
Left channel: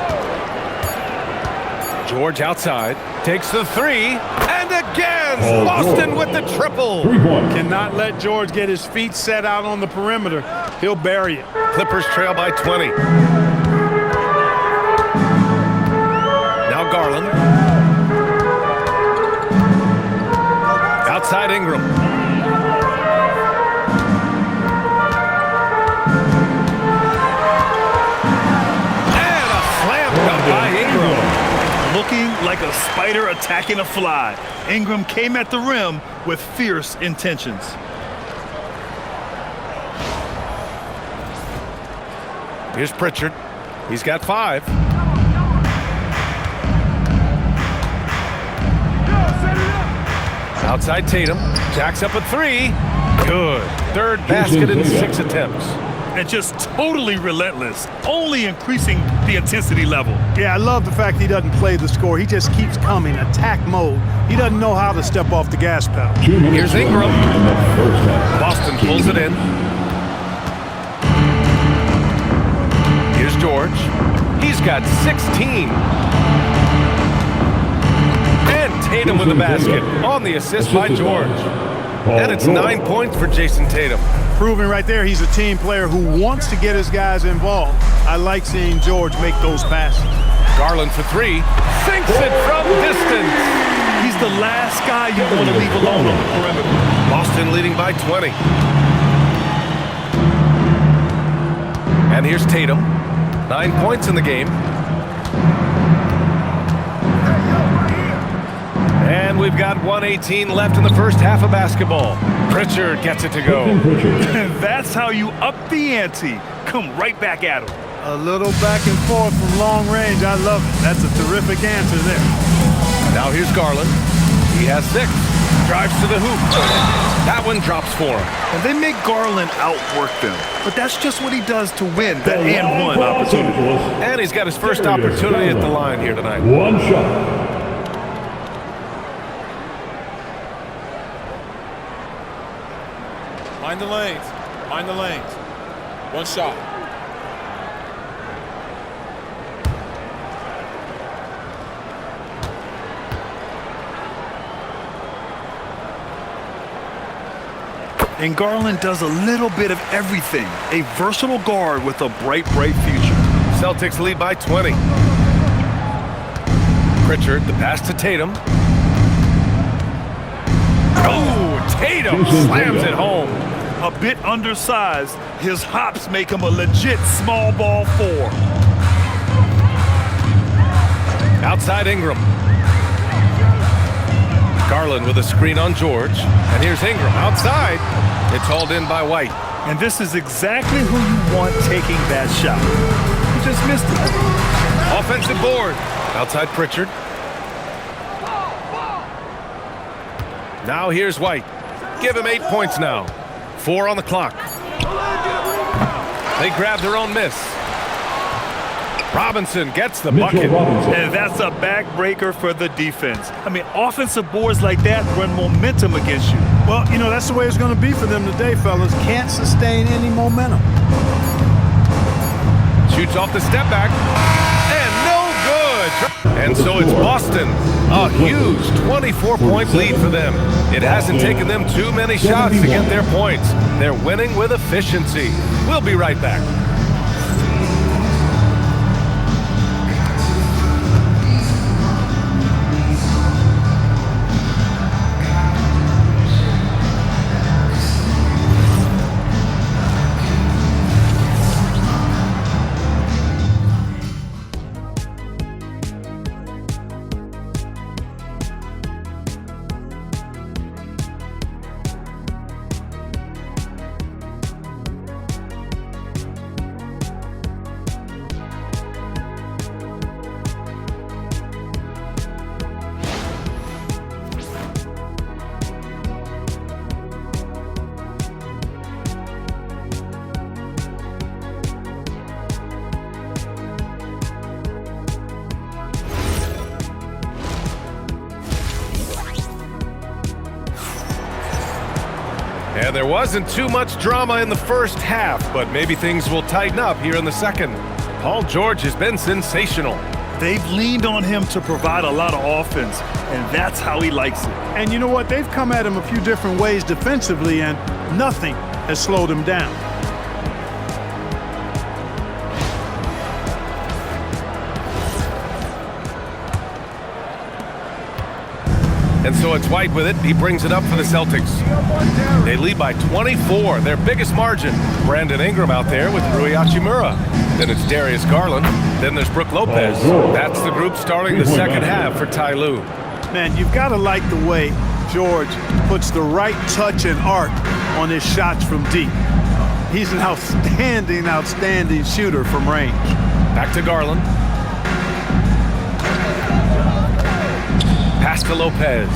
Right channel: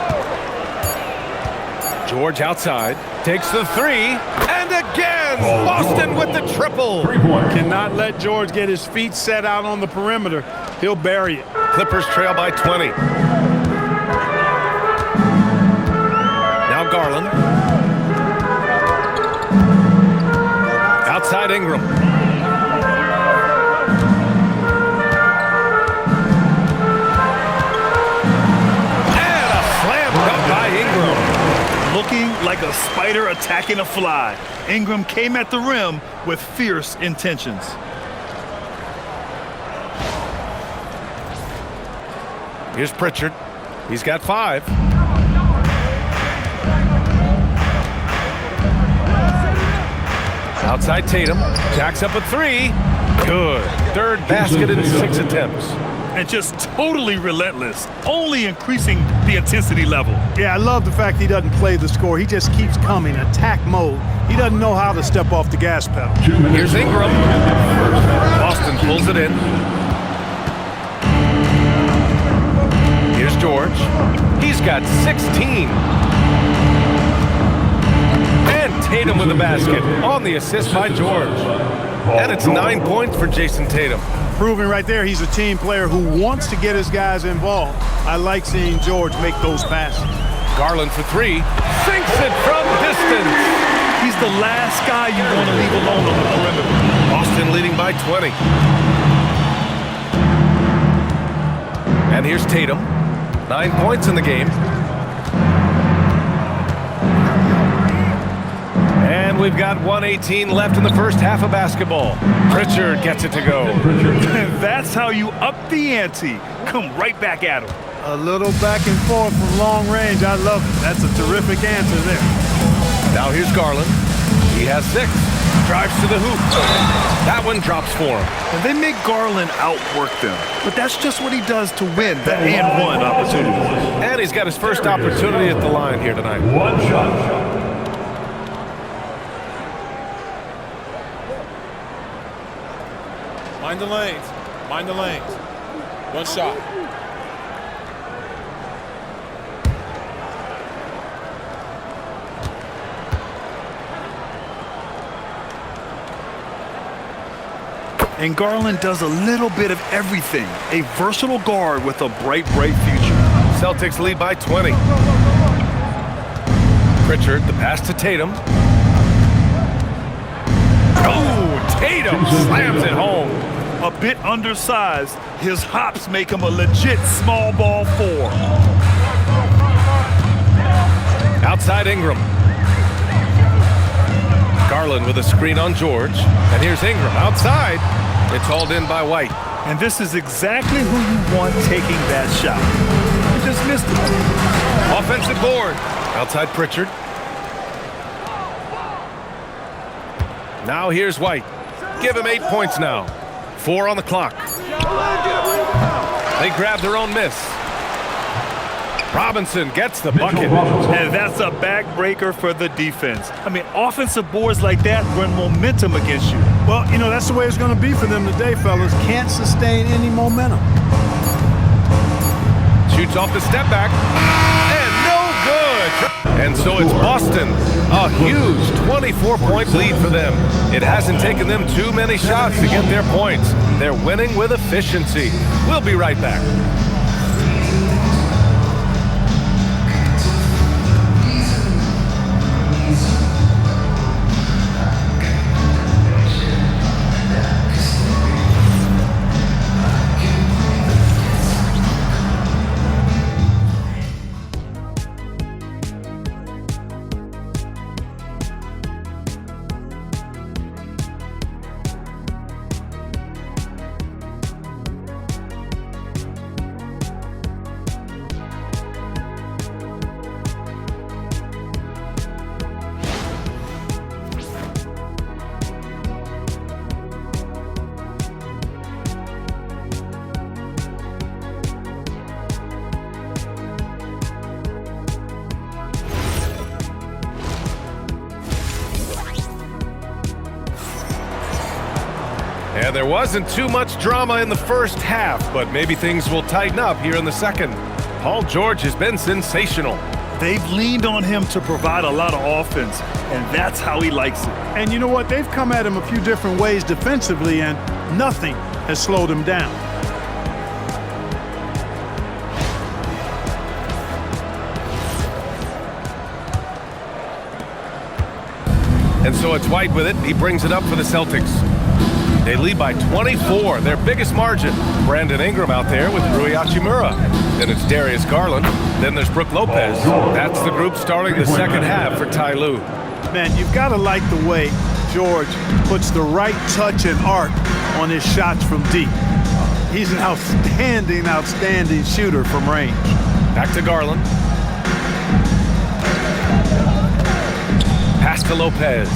George outside. Takes the 3. And again, Boston with the triple. 3-point. Cannot let George get his feet set out on the perimeter. He'll bury it. Clippers trail by 20. Now Garland. Outside Ingram. looking like a spider attacking a fly. Ingram came at the rim with fierce intentions. Here's Pritchard. He's got 5. Outside Tatum. Jacks up a 3. Good. Third basket in 6 attempts. And just totally relentless, only increasing the intensity level. Yeah, I love the fact he doesn't play the score. He just keeps coming, attack mode. He doesn't know how to step off the gas pedal. Here's Ingram. Boston pulls it in. Here's George. He's got 16. And Tatum with the basket on the assist by George. And it's 9 points for Jason Tatum. Proving right there he's a team player who wants to get his guys involved. I like seeing George make those passes. Garland for 3. Sinks it from distance. He's the last guy you want to leave alone on the perimeter. Boston leading by 20. And here's Tatum. 9 points in the game. And we've got 1:18 left in the first half of basketball. Pritchard gets it to go. That's how you up the ante. Come right back at him. A little back and forth from long range. I love it. That's a terrific answer there. Now here's Garland. He has 6. Drives to the hoop. That one drops for him. And they make Garland outwork them. But that's just what he does to win that and one opportunity. And he's got his first opportunity at the line here tonight. One shot. Mind the lanes. Mind the lanes. One shot. And Garland does a little bit of everything. A versatile guard with a bright, bright future. Celtics lead by 20. Pritchard, the pass to Tatum. Oh, Tatum slams it home. A bit undersized, his hops make him a legit small ball 4. Outside Ingram. Garland with a screen on George. And here's Ingram outside. It's hauled in by White. And this is exactly who you want taking that shot. He just missed it. Offensive board. Outside Pritchard. Now here's White. Give him 8 points now. 4 on the clock. They grab their own miss. Robinson gets the bucket. And that's a backbreaker for the defense. I mean, offensive boards like that run momentum against you. Well, you know, that's the way it's going to be for them today, fellas. Can't sustain any momentum. Shoots off the step back. And no good. And so it's Boston. A huge 24-point lead for them. It hasn't taken them too many shots to get their points. They're winning with efficiency. We'll be right back. And there wasn't too much drama in the first half, but maybe things will tighten up here in the second. Paul George has been sensational. They've leaned on him to provide a lot of offense, and that's how he likes it. And you know what? They've come at him a few different ways defensively, and nothing has slowed him down. And so it's White with it. He brings it up for the Celtics. They lead by 24, their biggest margin. Brandon Ingram out there with Rui Hachimura. Then it's Darius Garland. Then there's Brook Lopez. That's the group starting the second half for Ty Lue. Man, you've got to like the way George puts the right touch and arc on his shots from deep. He's an outstanding shooter from range. Back to Garland. Pass to Lopez.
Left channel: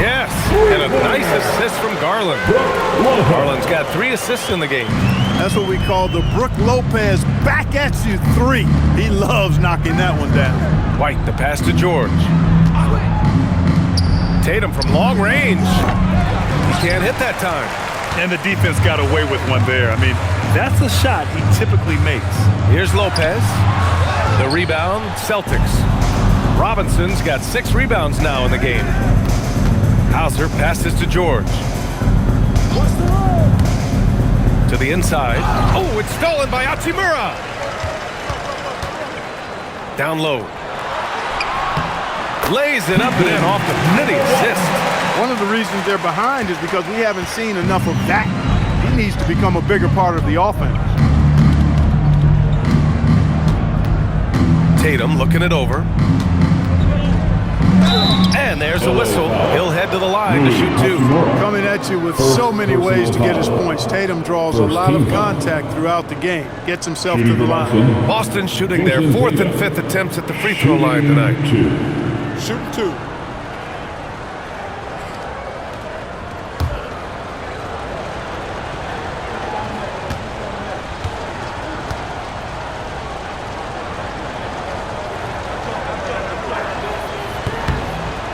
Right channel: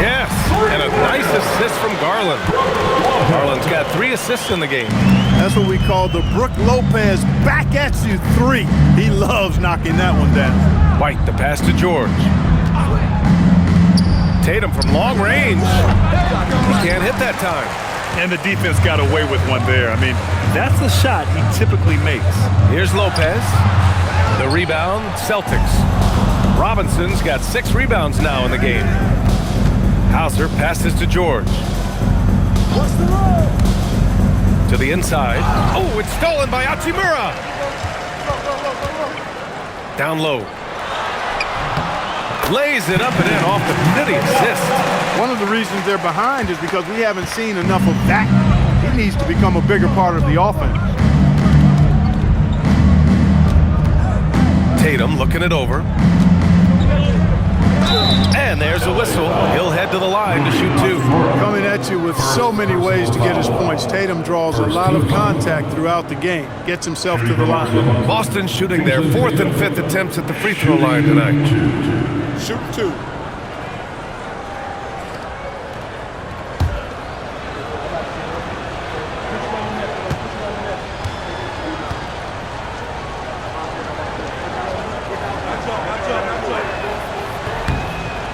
Yes, and a nice assist from Garland. Garland's got 3 assists in the game. That's what we call the Brook Lopez back at you 3. He loves knocking that one down. White, the pass to George. Tatum from long range. He can't hit that time. And the defense got away with one there. I mean, that's a shot he typically makes. Here's Lopez. The rebound, Celtics. Robinson's got 6 rebounds now in the game. Hauser passes to George. To the inside. Oh, it's stolen by Hachimura. Down low. Lays it up and in off the pretty assist. One of the reasons they're behind is because we haven't seen enough of that. He needs to become a bigger part of the offense. Tatum looking it over. And there's a whistle. He'll head to the line to shoot 2. Coming at you with so many ways to get his points. Tatum draws a lot of contact throughout the game. Gets himself to the line. Boston shooting their 4th and 5th attempts at the free throw line tonight. Shooting 2.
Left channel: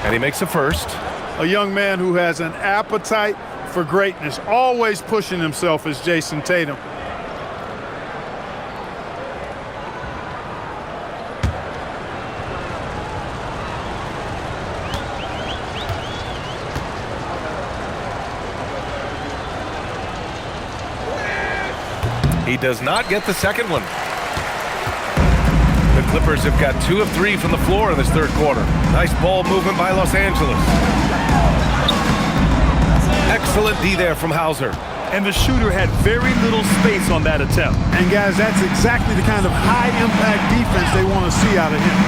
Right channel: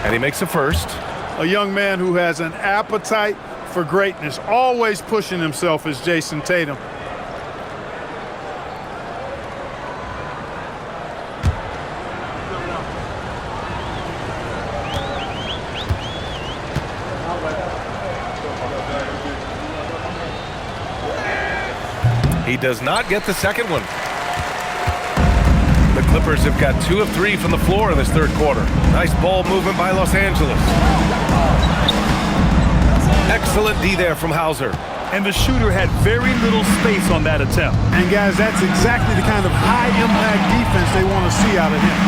And he makes a first. A young man who has an appetite for greatness, always pushing himself, is Jason Tatum. He does not get the second one. The Clippers have got 2 of 3 from the floor in this third quarter. Nice ball movement by Los Angeles. Excellent D there from Hauser. And the shooter had very little space on that attempt. And guys, that's exactly the kind of high-impact defense they want to see out of him.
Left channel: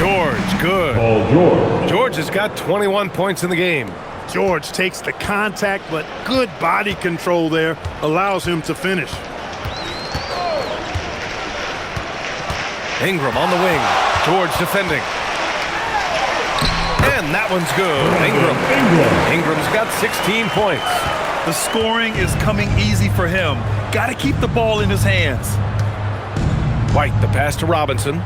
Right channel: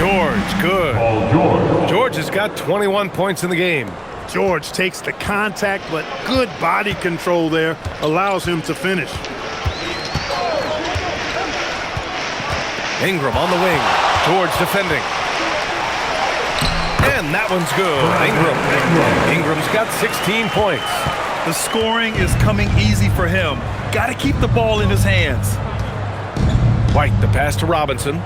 George, good. George has got 21 points in the game. George takes the contact, but good body control there allows him to finish. Ingram on the wing. George defending. And that one's good. Ingram's got 16 points. The scoring is coming easy for him. Got to keep the ball in his hands. White, the pass to Robinson.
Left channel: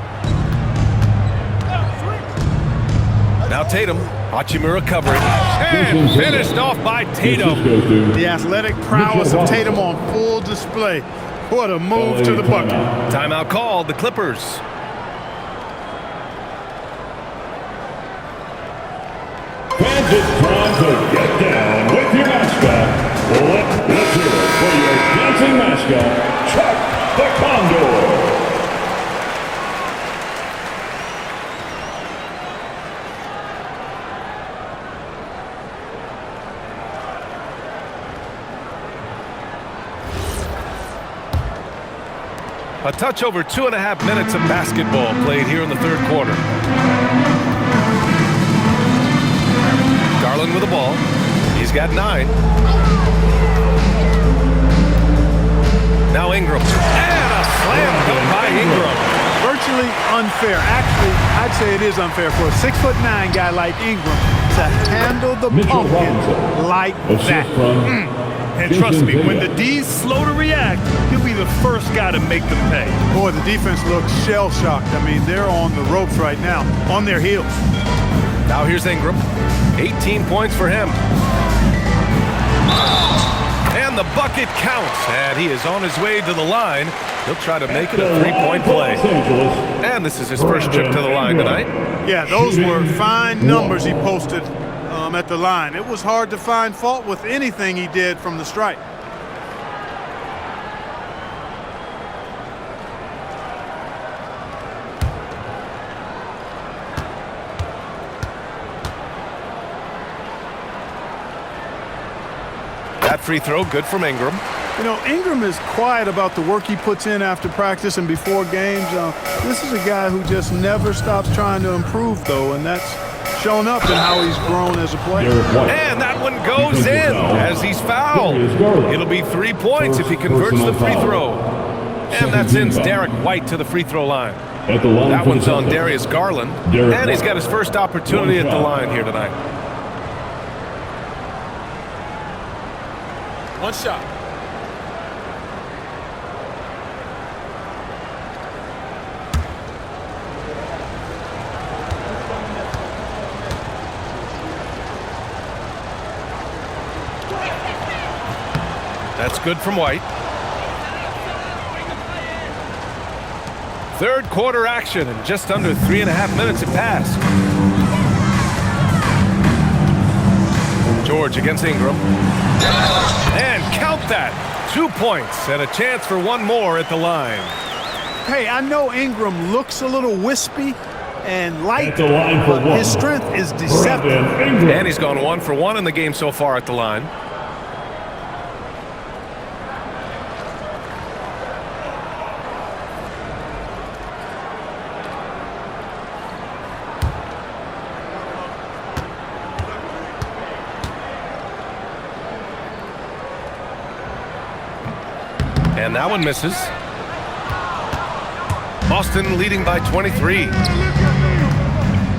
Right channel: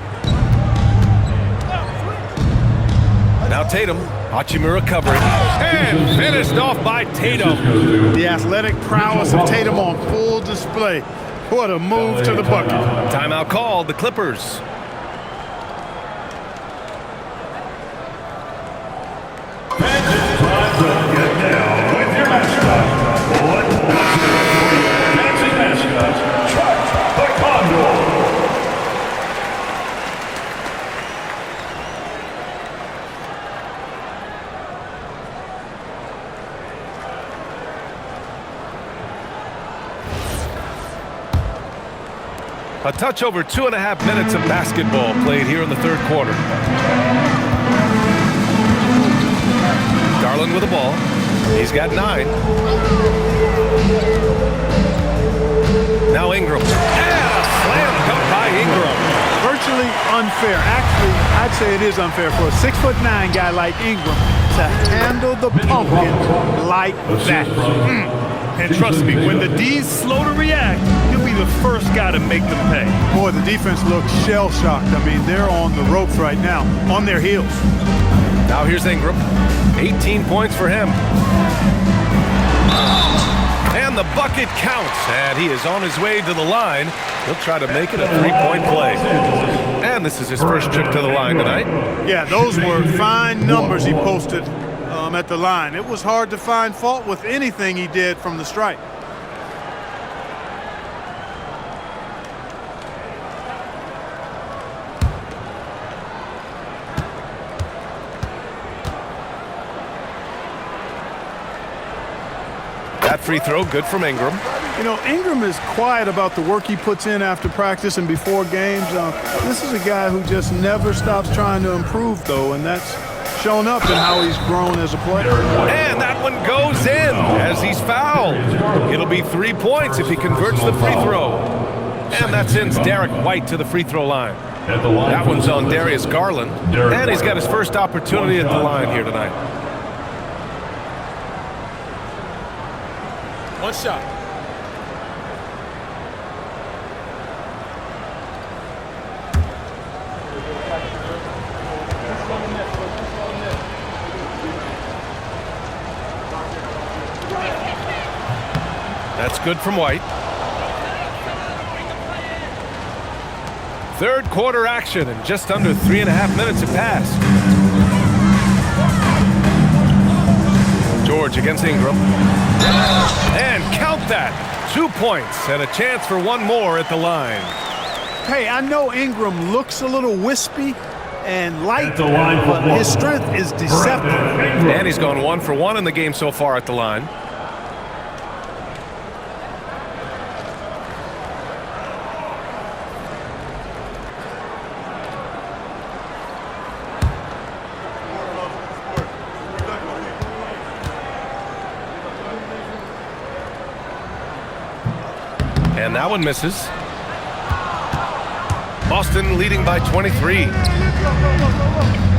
Now Tatum. Hachimura covering. And finished off by Tatum. The athletic prowess of Tatum on full display. What a move to the bucket. Timeout called, the Clippers. And it's time to get down with your mascot. Let's hear it for your dancing mascot, Chuck the Condor. A touch over 2.5 minutes of basketball played here in the third quarter. Garland with the ball. He's got 9. Now Ingram. And a slam dunk by Ingram. Virtually unfair. Actually, I'd say it is unfair for a 6'9" guy like Ingram to handle the pumpkin like that. And trust me, when the D's slow to react, he'll be the first guy to make them pay. Boy, the defense looks shell-shocked. I mean, they're on the ropes right now, on their heels. Now here's Ingram. 18 points for him. And the bucket counts. And he is on his way to the line. He'll try to make it a 3-point play. And this is his first trip to the line tonight. Yeah, those were fine numbers he posted at the line. It was hard to find fault with anything he did from the stripe. free throw, good from Ingram. You know, Ingram is quiet about the work he puts in after practice and before games. This is a guy who just never stops trying to improve, though, and that's shown up in how he's grown as a player. And that one goes in as he's fouled. It'll be 3 points if he converts the free throw. And that sends Derek White to the free throw line. That one's on Darius Garland, and he's got his first opportunity at the line here tonight. One shot. That's good from White. Third quarter action, and just under 3.5 minutes have passed. George against Ingram. And count that. 2 points and a chance for one more at the line. Hey, I know Ingram looks a little wispy and light, but his strength is deceptive. And he's gone 1 for 1 in the game so far at the line. And that one misses. Boston leading by 23.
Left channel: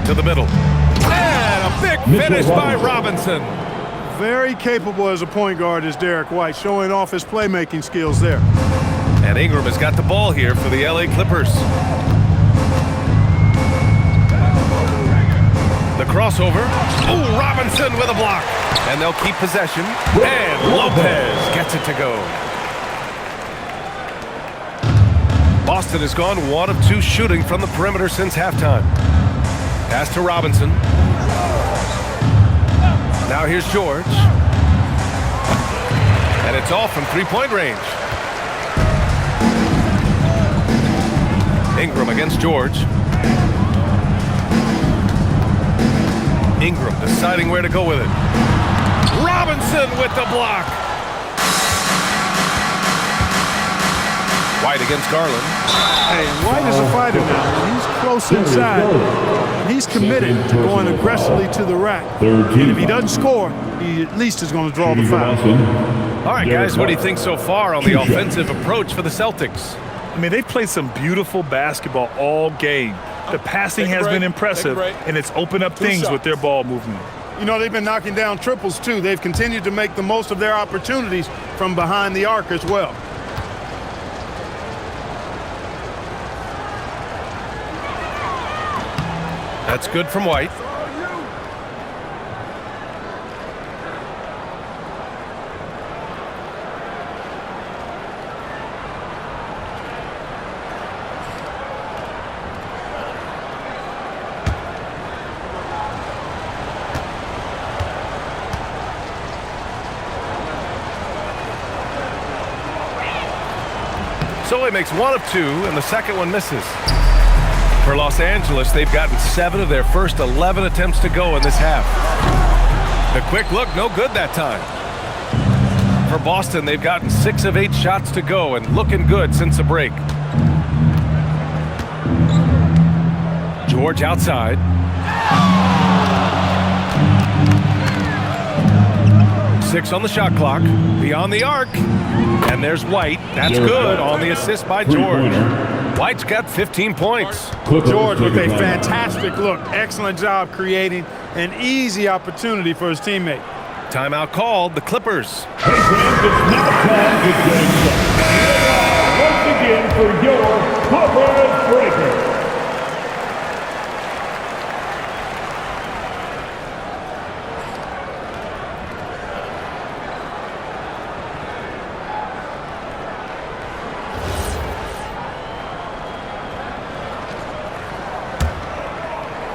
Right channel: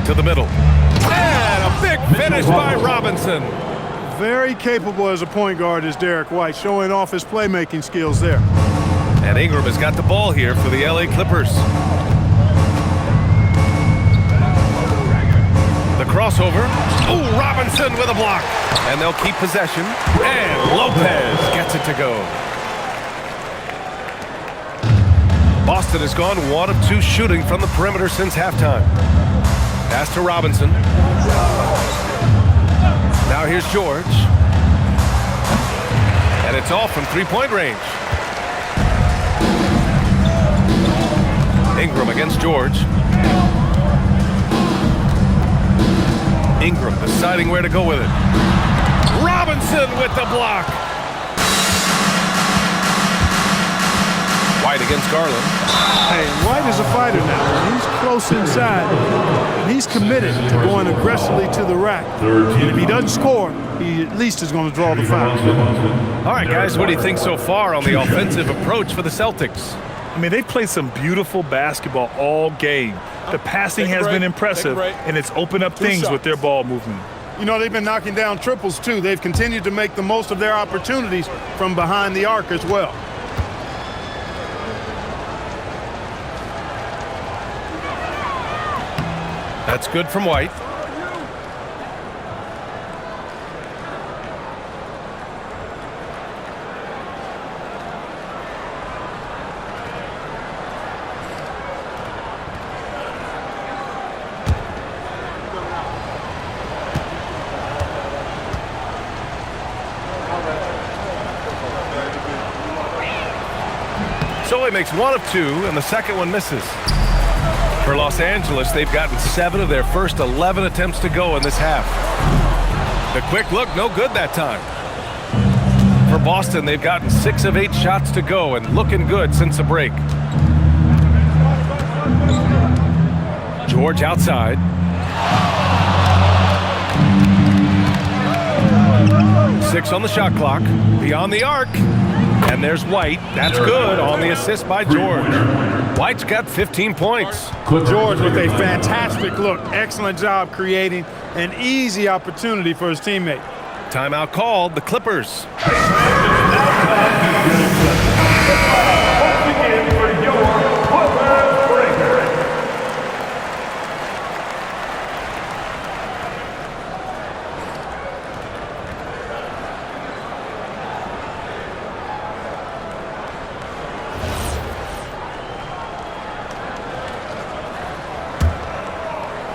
To the middle. And a big finish by Robinson. Very capable as a point guard is Derek White, showing off his playmaking skills there. And Ingram has got the ball here for the LA Clippers. The crossover. Oh, Robinson with a block. And they'll keep possession. And Lopez gets it to go. Boston has gone 1 of 2 shooting from the perimeter since halftime. Pass to Robinson. Now here's George. And it's off from 3-point range. Ingram against George. Ingram deciding where to go with it. Robinson with the block. White against Garland. Hey, and White is a fighter now. When he's close inside, he's committed to going aggressively to the rack. And if he doesn't score, he at least is going to draw the foul. All right, guys, what do you think so far on the offensive approach for the Celtics? I mean, they've played some beautiful basketball all game. The passing has been impressive, and it's opened up things with their ball movement. You know, they've been knocking down triples, too. They've continued to make the most of their opportunities from behind the arc as well. That's good from White. So he makes 1 of 2, and the second one misses. For Los Angeles, they've gotten 7 of their first 11 attempts to go in this half. The quick look, no good that time. For Boston, they've gotten 6 of 8 shots to go and looking good since the break. George outside. Six on the shot clock. Beyond the arc. And there's White. That's good on the assist by George. White's got 15 points. George with a fantastic look. Excellent job creating an easy opportunity for his teammate. Timeout called, the Clippers. Once again for your Clippers breaker.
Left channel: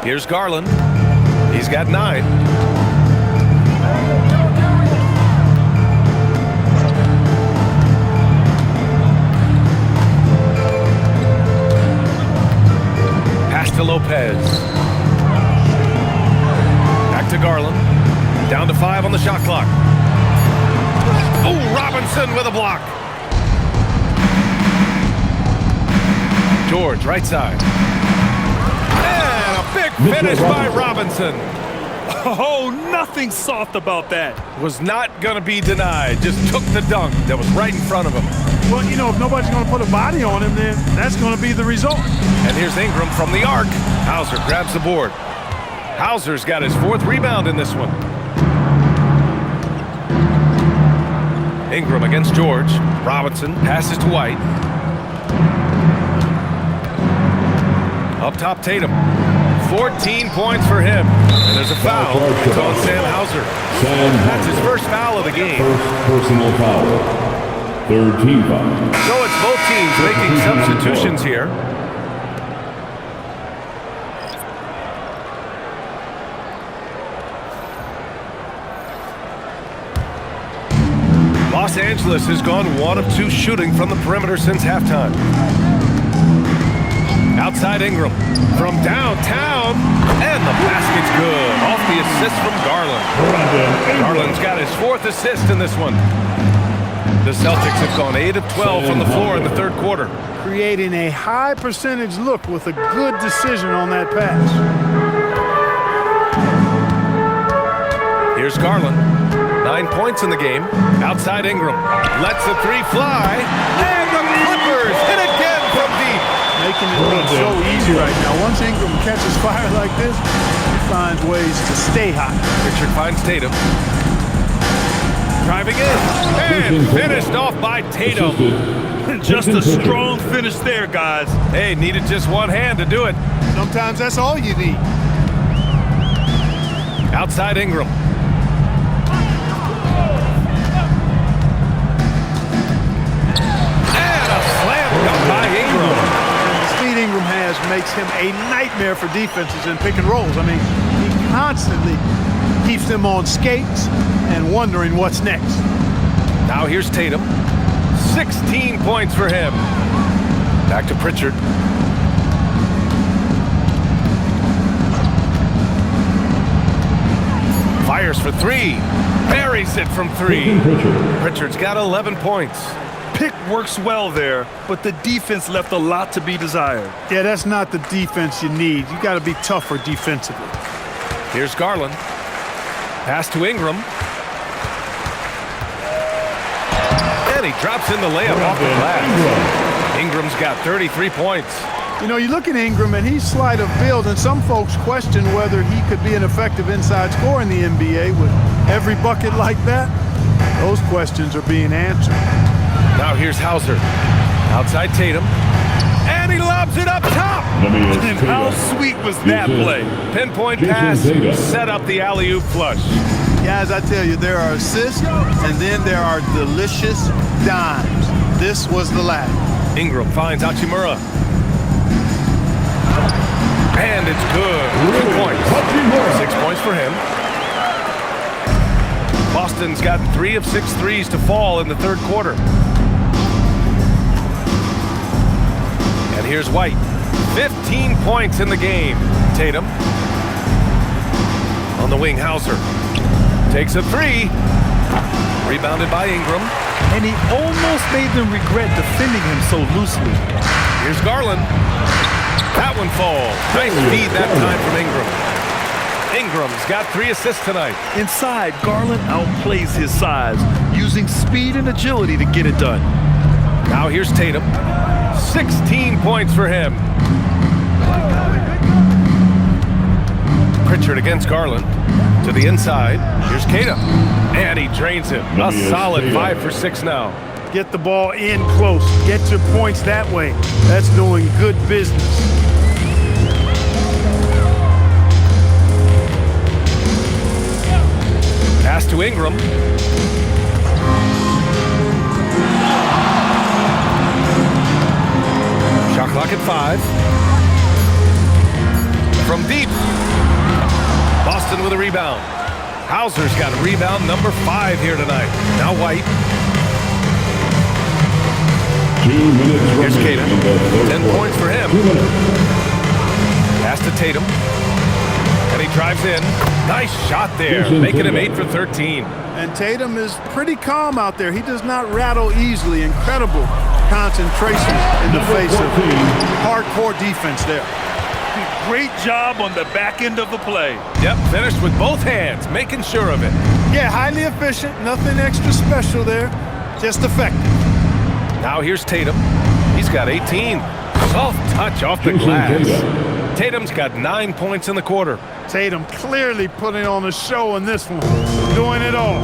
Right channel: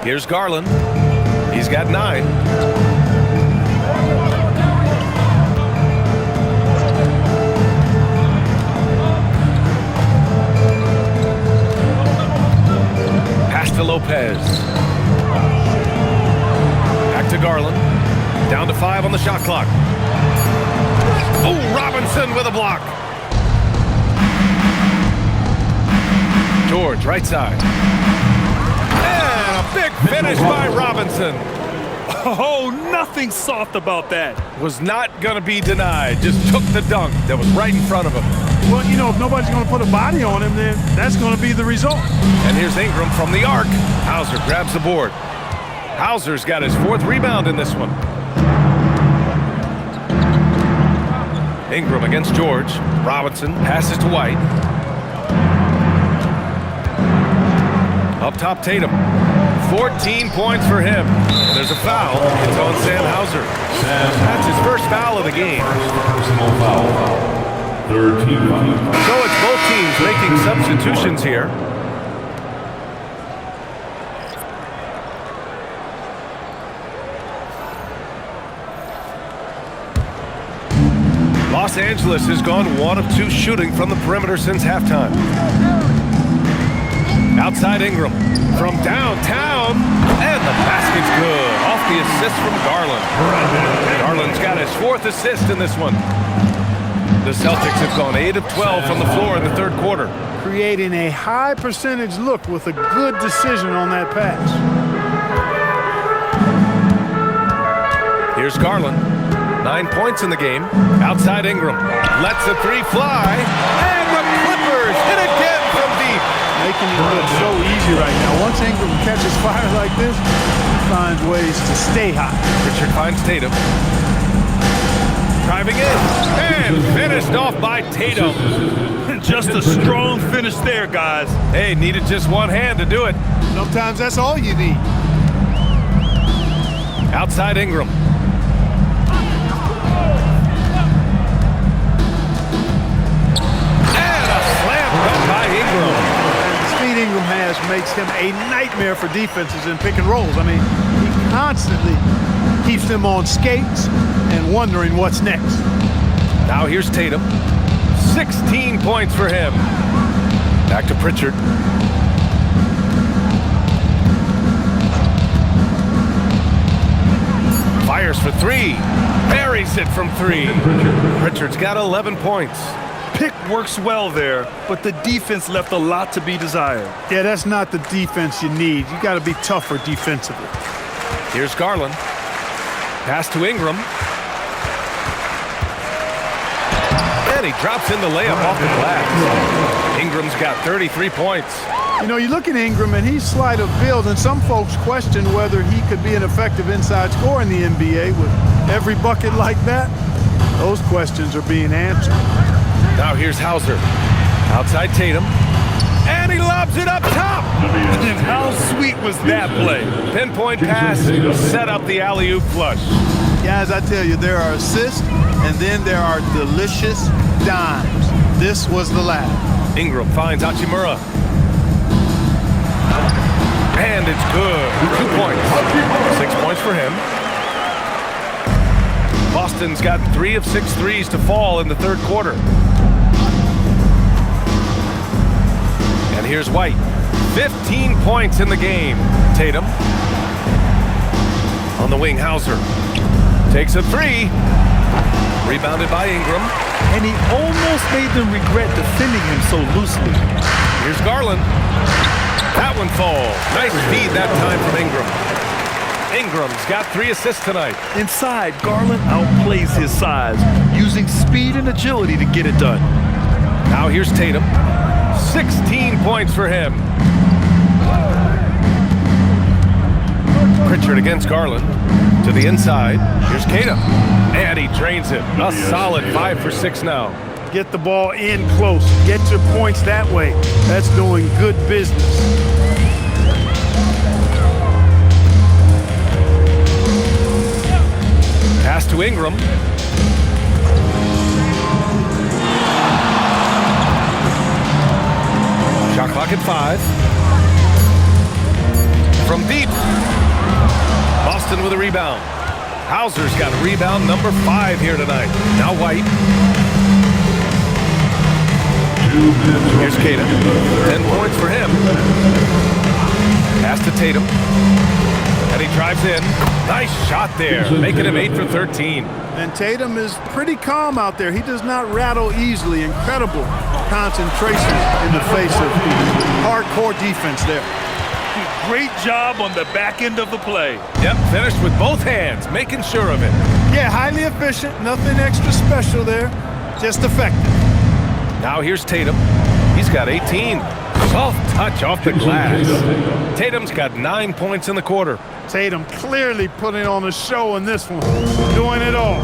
Here's Garland. He's got 9. Pass to Lopez. Back to Garland. Down to 5 on the shot clock. Oh, Robinson with a block. George, right side. And a big finish by Robinson. Oh, nothing soft about that. Was not going to be denied. Just took the dunk that was right in front of him. Well, you know, if nobody's going to put a body on him, then that's going to be the result. And here's Ingram from the arc. Hauser grabs the board. Hauser's got his 4th rebound in this one. Ingram against George. Robinson passes to White. Up top, Tatum. 14 points for him. And there's a foul. It's on Sam Hauser. That's his first foul of the game. First personal foul. 3rd team foul. So it's both teams making substitutions here. Los Angeles has gone 1 of 2 shooting from the perimeter since halftime. Outside Ingram from downtown, and the basket's good. Off the assist from Garland. Garland's got his 4th assist in this one. The Celtics have gone 8 of 12 from the floor in the 3rd quarter. Creating a high percentage look with a good decision on that pass. Here's Garland. 9 points in the game. Outside Ingram. Lets a 3 fly. And the Clippers hit again from deep. Making it look so easy right now. Once Ingram catches fire like this, he finds ways to stay hot. Richard finds Tatum. Driving in. And finished off by Tatum. Just a strong finish there, guys. Hey, needed just one hand to do it. Sometimes that's all you need. Outside Ingram. And a slam dunk by Ingram. And the speed Ingram has makes him a nightmare for defenses in pick and rolls. I mean, he constantly keeps them on skates and wondering what's next. Now here's Tatum. 16 points for him. Back to Pritchard. Fires for 3. Buries it from 3. Pritchard's got 11 points. Pick works well there, but the defense left a lot to be desired. Yeah, that's not the defense you need. You got to be tougher defensively. Here's Garland. Pass to Ingram. And he drops in the layup off the glass. Ingram's got 33 points. You know, you look at Ingram, and he's slight of build, and some folks question whether he could be an effective inside scorer in the NBA with every bucket like that. Those questions are being answered. Now here's Hauser. Outside Tatum. And he lobs it up top. And how sweet was that play? Pinpoint pass, set up the alley-oop flush. Guys, I tell you, there are assists, and then there are delicious dimes. This was the latter. Ingram finds Hachimura. And it's good. 2 points. 6 points for him. Boston's got 3 of 6 threes to fall in the 3rd quarter. And here's White. 15 points in the game. Tatum. On the wing, Hauser. Takes a 3. Rebounded by Ingram. And he almost made them regret defending him so loosely. Here's Garland. That one falls. Nice feed that time from Ingram. Ingram's got 3 assists tonight. Inside, Garland outplays his size, using speed and agility to get it done. Now here's Tatum. 16 points for him. Pritchard against Garland. To the inside. Here's Keita. And he drains it. A solid 5 for 6 now. Get the ball in close. Get your points that way. That's doing good business. Pass to Ingram. Shot clock at 5. From deep. Boston with a rebound. Hauser's got rebound number 5 here tonight. Now White. 2 minutes. Here's Keita. 10 points for him. Pass to Tatum. And he drives in. Nice shot there, making him 8 for 13. And Tatum is pretty calm out there. He does not rattle easily. Incredible concentration in the face of hardcore defense there. Great job on the back end of the play. Yep, finished with both hands, making sure of it. Yeah, highly efficient. Nothing extra special there. Just effective. Now here's Tatum. He's got 18. Soft touch off the glass. Tatum's got 9 points in the quarter. Tatum clearly putting on a show in this one. Doing it all.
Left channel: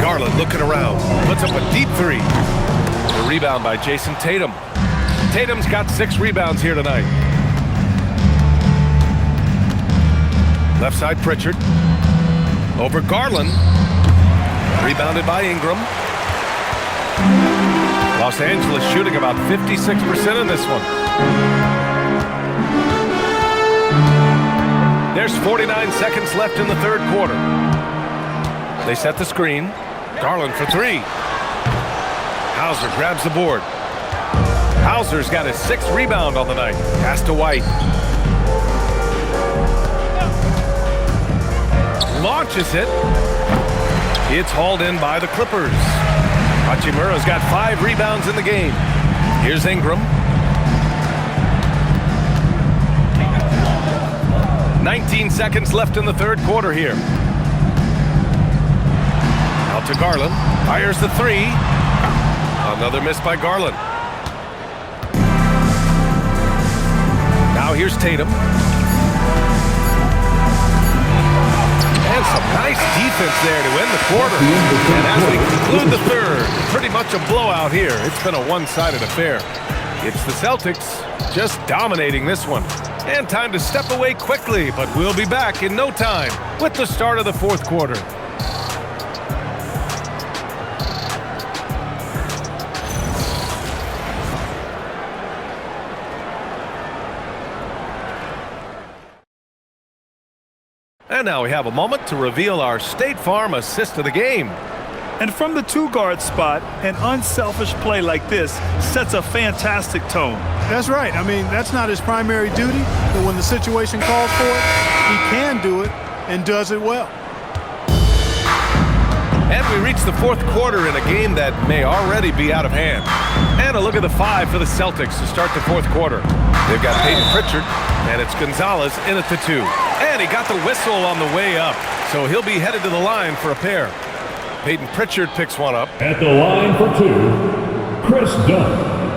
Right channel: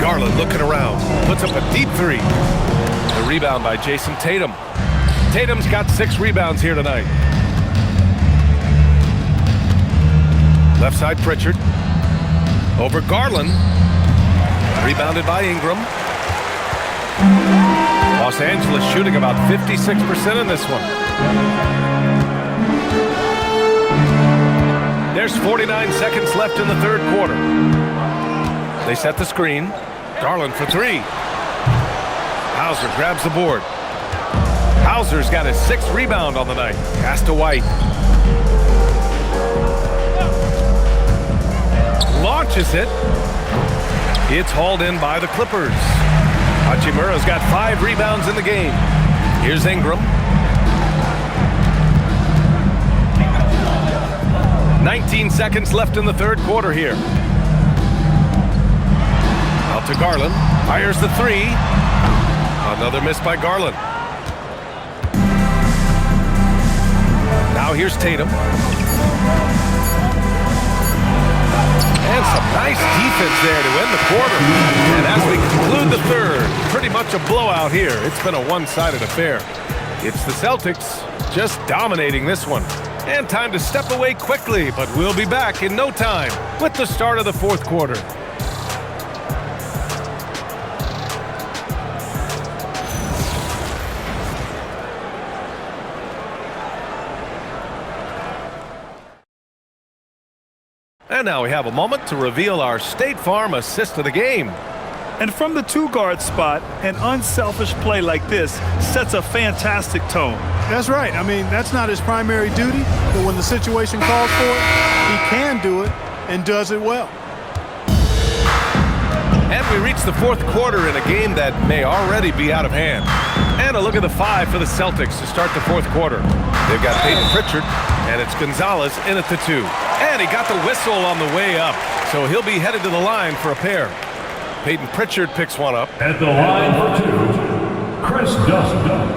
Garland looking around. Puts up a deep three. The rebound by Jason Tatum. Tatum's got 6 rebounds here tonight. Left side Pritchard. Over Garland. Rebounded by Ingram. Los Angeles shooting about 56% in this one. There's 49 seconds left in the third quarter. They set the screen. Garland for 3. Hauser grabs the board. Hauser's got his 6th rebound on the night. Pass to White. Launches it. It's hauled in by the Clippers. Hachimura's got 5 rebounds in the game. Here's Ingram. 19 seconds left in the third quarter here. Out to Garland. Fires the 3. Another miss by Garland. Now here's Tatum. And some nice defense there to end the quarter. And as we conclude the third, pretty much a blowout here. It's been a one-sided affair. It's the Celtics just dominating this one. And time to step away quickly, but we'll be back in no time with the start of the fourth quarter. And now we have a moment to reveal our State Farm assist of the game. And from the 2-guard spot, an unselfish play like this sets a fantastic tone. That's right. I mean, that's not his primary duty, but when the situation calls for it, he can do it and does it well. And we reach the fourth quarter in a game that may already be out of hand. And a look at the 5 for the Celtics to start the fourth quarter. They've got Peyton Pritchard, and it's Gonzalez in at the 2. And he got the whistle on the way up, so he'll be headed to the line for a pair. Peyton Pritchard picks one up. At the line for 2, Chris Dunn.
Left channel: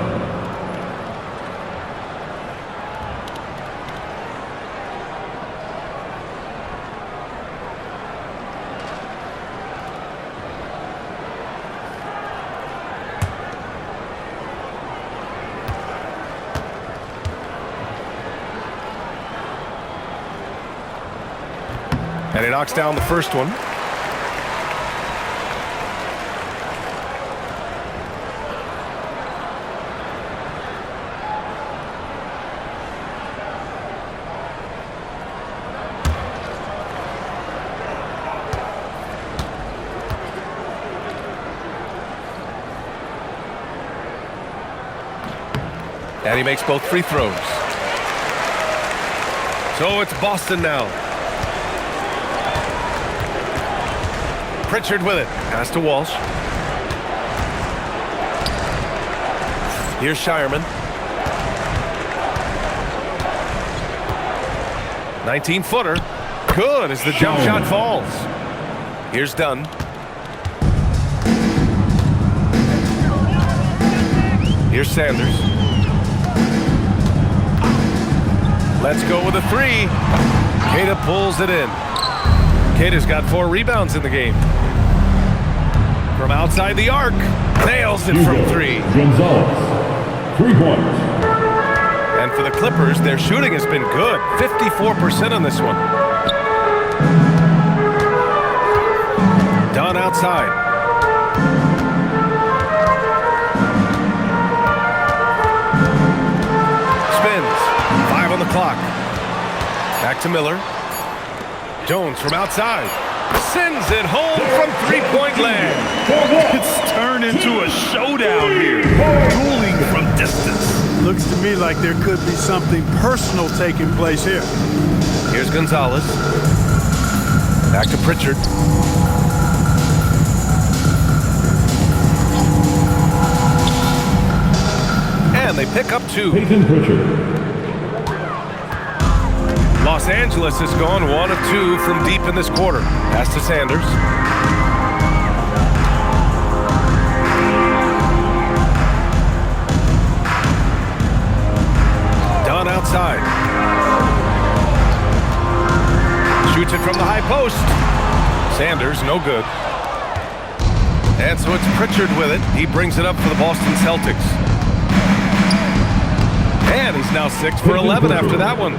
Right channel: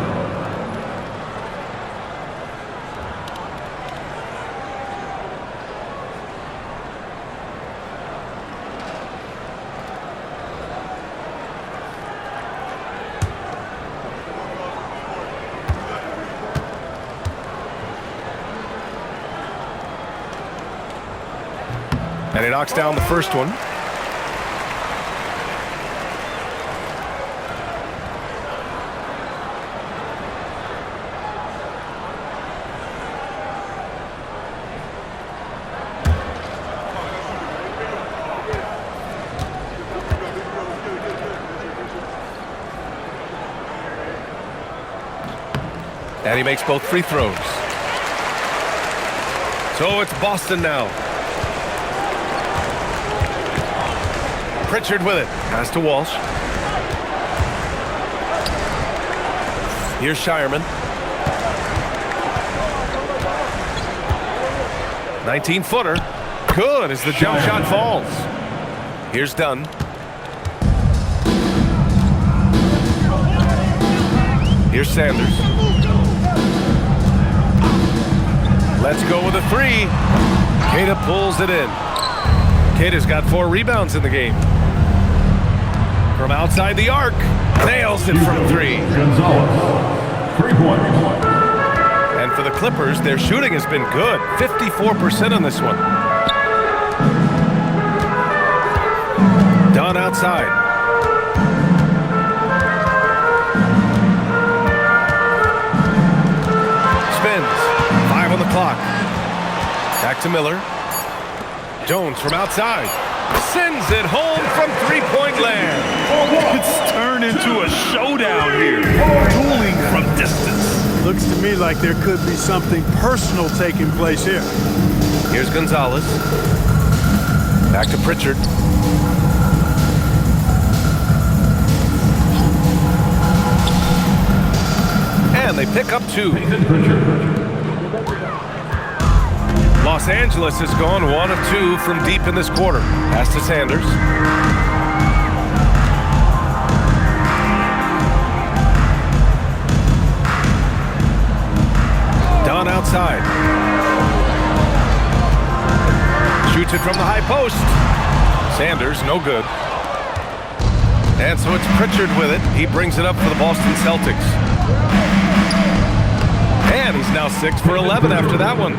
And he knocks down the first one. And he makes both free throws. So it's Boston now. Pritchard with it. Pass to Walsh. Here's Shireman. 19-footer. Good as the jump shot falls. Here's Dunn. Here's Sanders. Let's go with a 3. Queta pulls it in. Queta's got 4 rebounds in the game. From outside the arc, nails it from 3. Gonzalez, 3 points. And for the Clippers, their shooting has been good. 54% on this one. Dunn outside. Spins. 5 on the clock. Back to Miller. Jones from outside. Sends it home from three-point land. It's turned into a showdown here. Dueling from distance. Looks to me like there could be something personal taking place here. Here's Gonzalez. Back to Pritchard. And they pick up 2. Peyton Pritchard. Los Angeles has gone 1 of 2 from deep in this quarter. Pass to Sanders. Dunn outside. Shoots it from the high post. Sanders, no good. And so it's Pritchard with it. He brings it up for the Boston Celtics. And he's now 6 for 11 after that one.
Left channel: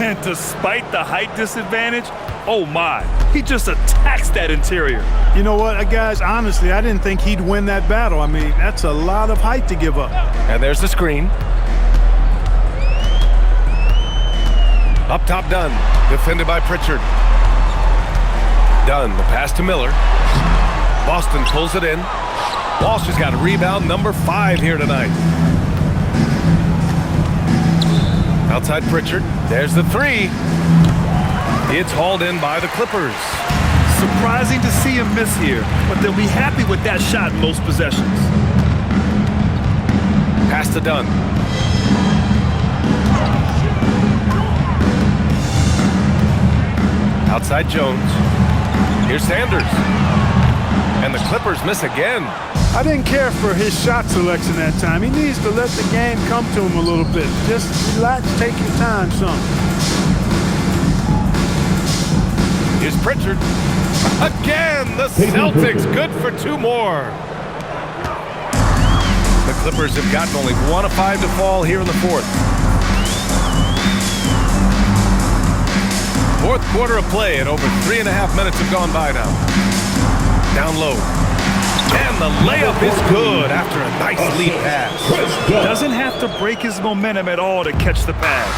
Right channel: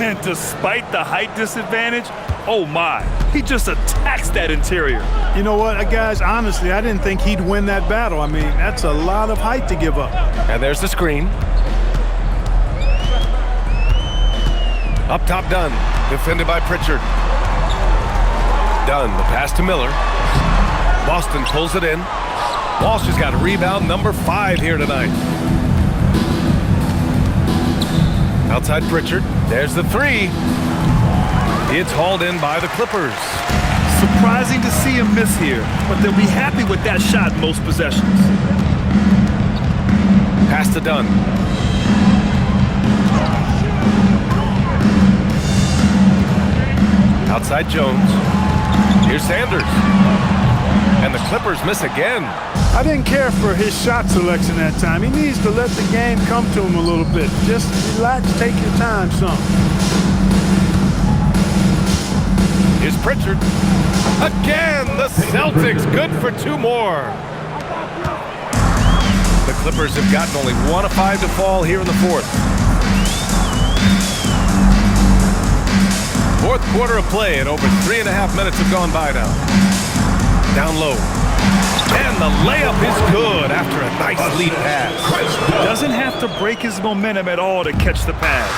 And despite the height disadvantage, oh my, he just attacks that interior. You know what, guys, honestly, I didn't think he'd win that battle. I mean, that's a lot of height to give up. And there's the screen. Up top, Dunn. Defended by Pritchard. Dunn, the pass to Miller. Boston pulls it in. Walsh has got a rebound number 5 here tonight. Outside Pritchard. There's the 3. It's hauled in by the Clippers. Surprising to see him miss here, but they'll be happy with that shot in most possessions. Pass to Dunn. Outside Jones. Here's Sanders. And the Clippers miss again. I didn't care for his shot selection that time. He needs to let the game come to him a little bit. Just relax, take your time some. Here's Pritchard. Again, the Celtics good for 2 more. The Clippers have gotten only 1 of 5 to fall here in the 4th. 4th quarter of play and over 3.5 minutes have gone by now. Down low. And the layup is good after a nice lead pass. Doesn't have to break his momentum at all to catch the pass.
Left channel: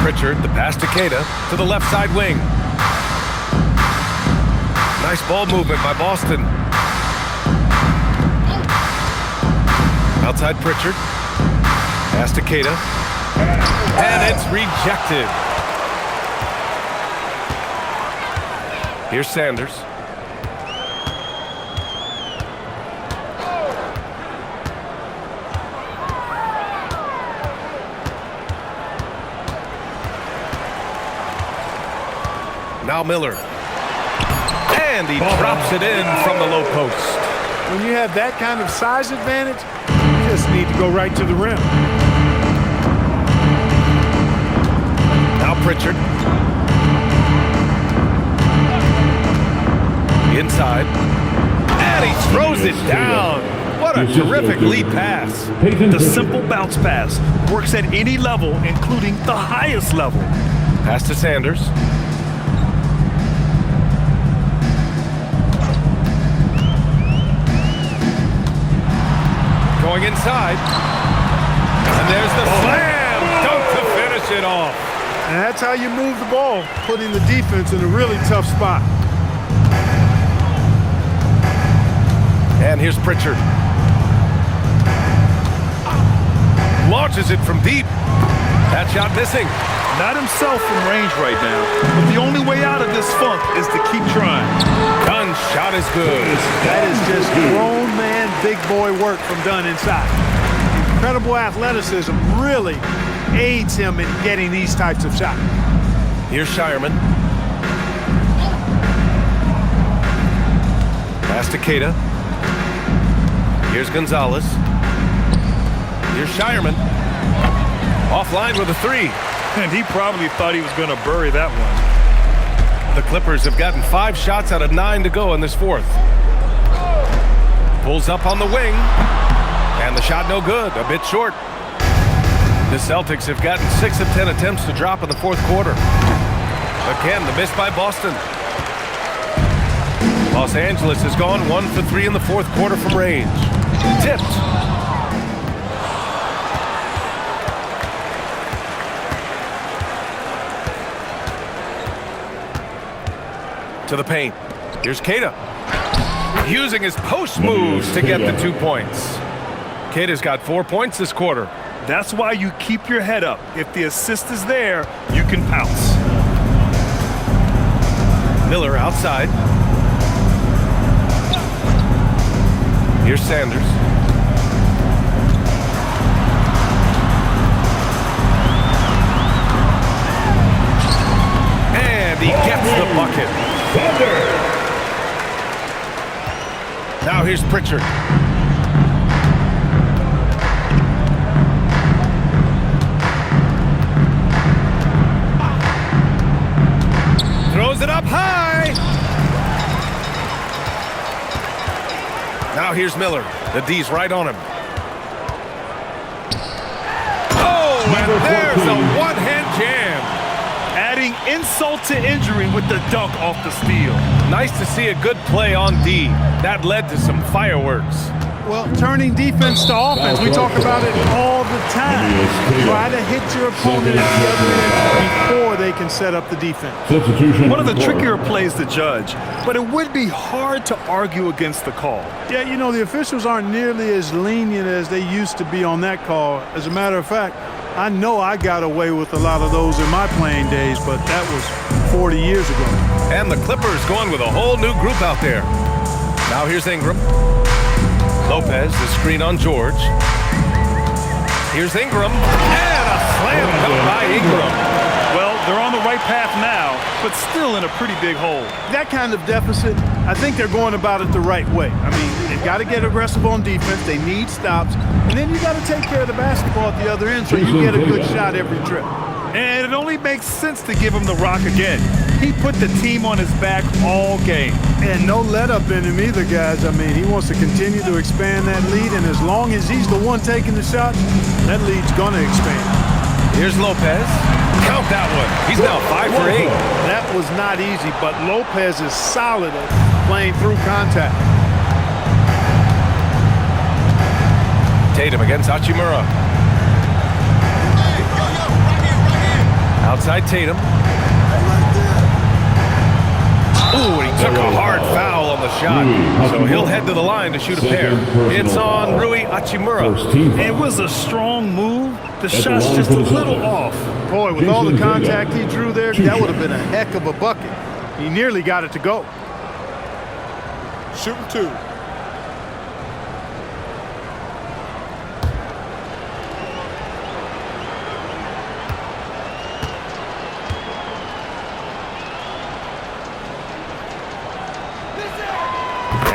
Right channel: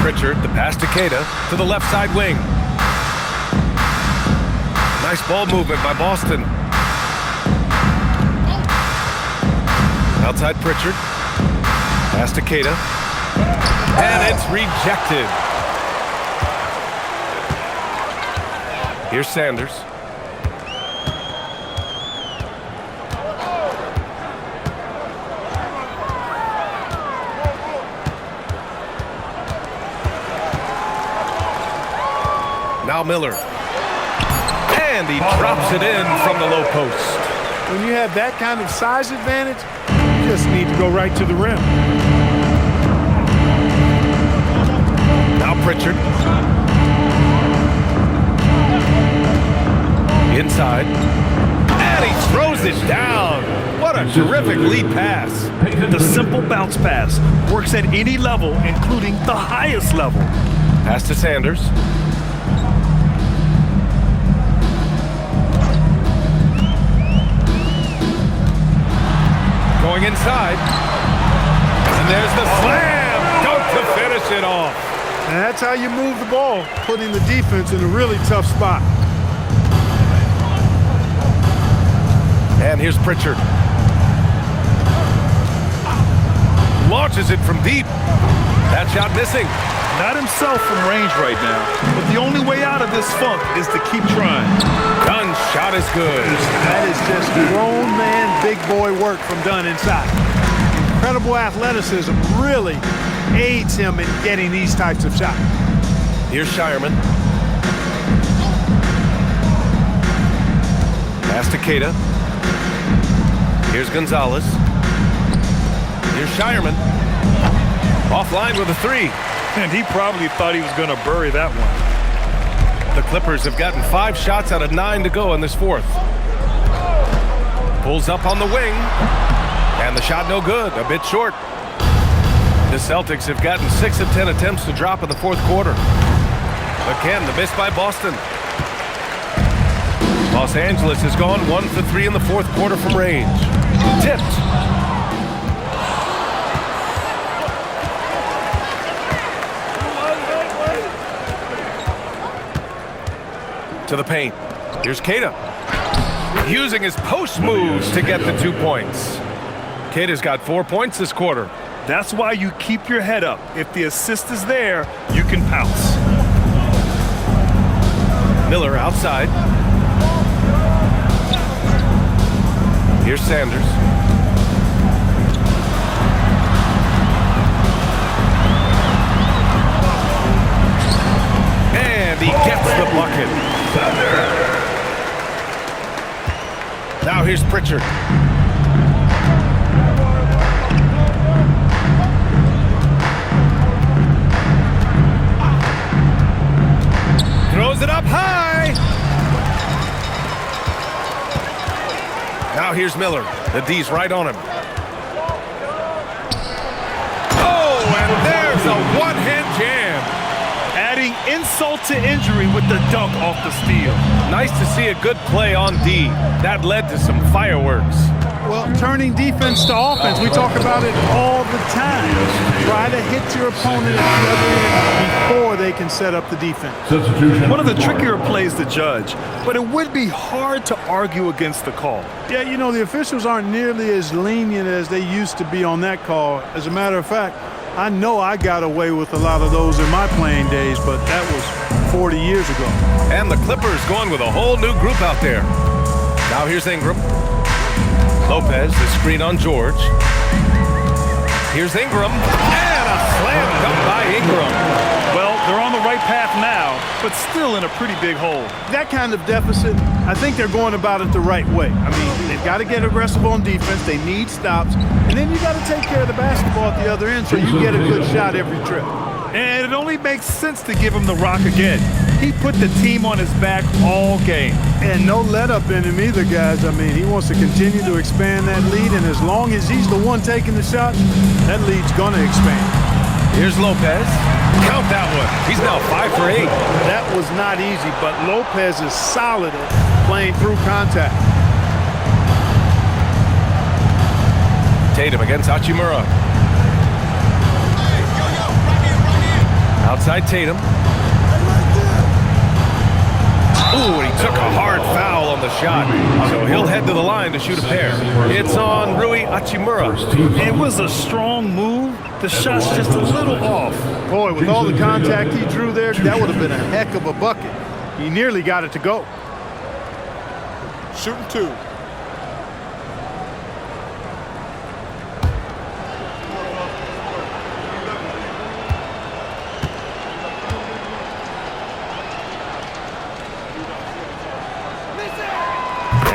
Pritchard, the pass to Queta, to the left side wing. Nice ball movement by Boston. Outside Pritchard. Pass to Queta. And it's rejected. Here's Sanders. Now Miller. And he drops it in from the low post. When you have that kind of size advantage, you just need to go right to the rim. Now Pritchard. Inside. And he throws it down. What a terrific lead pass. The simple bounce pass works at any level, including the highest level. Pass to Sanders. Going inside. And there's the slam dunk to finish it off. And that's how you move the ball, putting the defense in a really tough spot. And here's Pritchard. Launches it from deep. That shot missing. Not himself from range right now, but the only way out of this funk is to keep trying. Dunn's shot is good. That is just grown man, big boy work from Dunn inside. Incredible athleticism really aids him in getting these types of shots. Here's Shireman. Pass to Queta. Here's Gonzalez. Here's Shireman. Offline with a 3. And he probably thought he was going to bury that one. The Clippers have gotten 5 shots out of 9 to go in this 4th. Pulls up on the wing. And the shot no good, a bit short. The Celtics have gotten 6 of 10 attempts to drop in the 4th quarter. Again, the miss by Boston. Los Angeles has gone 1 for 3 in the 4th quarter from range. Tipped. To the paint. Here's Queta. Using his post moves to get the 2 points. Queta's got 4 points this quarter. That's why you keep your head up. If the assist is there, you can pounce. Miller outside. Here's Sanders. And he gets the bucket. Now here's Pritchard. Throws it up high. Now here's Miller. The D's right on him. Oh, and there's a one-hand jam. Adding insult to injury with the dunk off the steal. Nice to see a good play on D. That led to some fireworks. Well, turning defense to offense, we talk about it all the time. Try to hit your opponent at the other end before they can set up the defense. One of the trickier plays to judge, but it would be hard to argue against the call. Yeah, you know, the officials aren't nearly as lenient as they used to be on that call. As a matter of fact, I know I got away with a lot of those in my playing days, but that was 40 years ago. And the Clippers going with a whole new group out there. Now here's Ingram. Lopez, the screen on George. Here's Ingram, and a slam dunk by Ingram. Well, they're on the right path now, but still in a pretty big hole. That kind of deficit, I think they're going about it the right way. I mean, they've got to get aggressive on defense. They need stops. And then you got to take care of the basketball at the other end so you get a good shot every trip. And it only makes sense to give him the rock again. He put the team on his back all game. And no let up in him either, guys. I mean, he wants to continue to expand that lead, and as long as he's the one taking the shots, that lead's going to expand. Here's Lopez. Count that one. He's now 5 for 8. That was not easy, but Lopez is solid at playing through contact. Tatum against Hachimura. Outside Tatum. Ooh, and he took a hard foul on the shot, so he'll head to the line to shoot a pair. It's on Rui Hachimura. It was a strong move. The shot's just a little off. Boy, with all the contact he drew there, that would have been a heck of a bucket. He nearly got it to go. Shooting 2.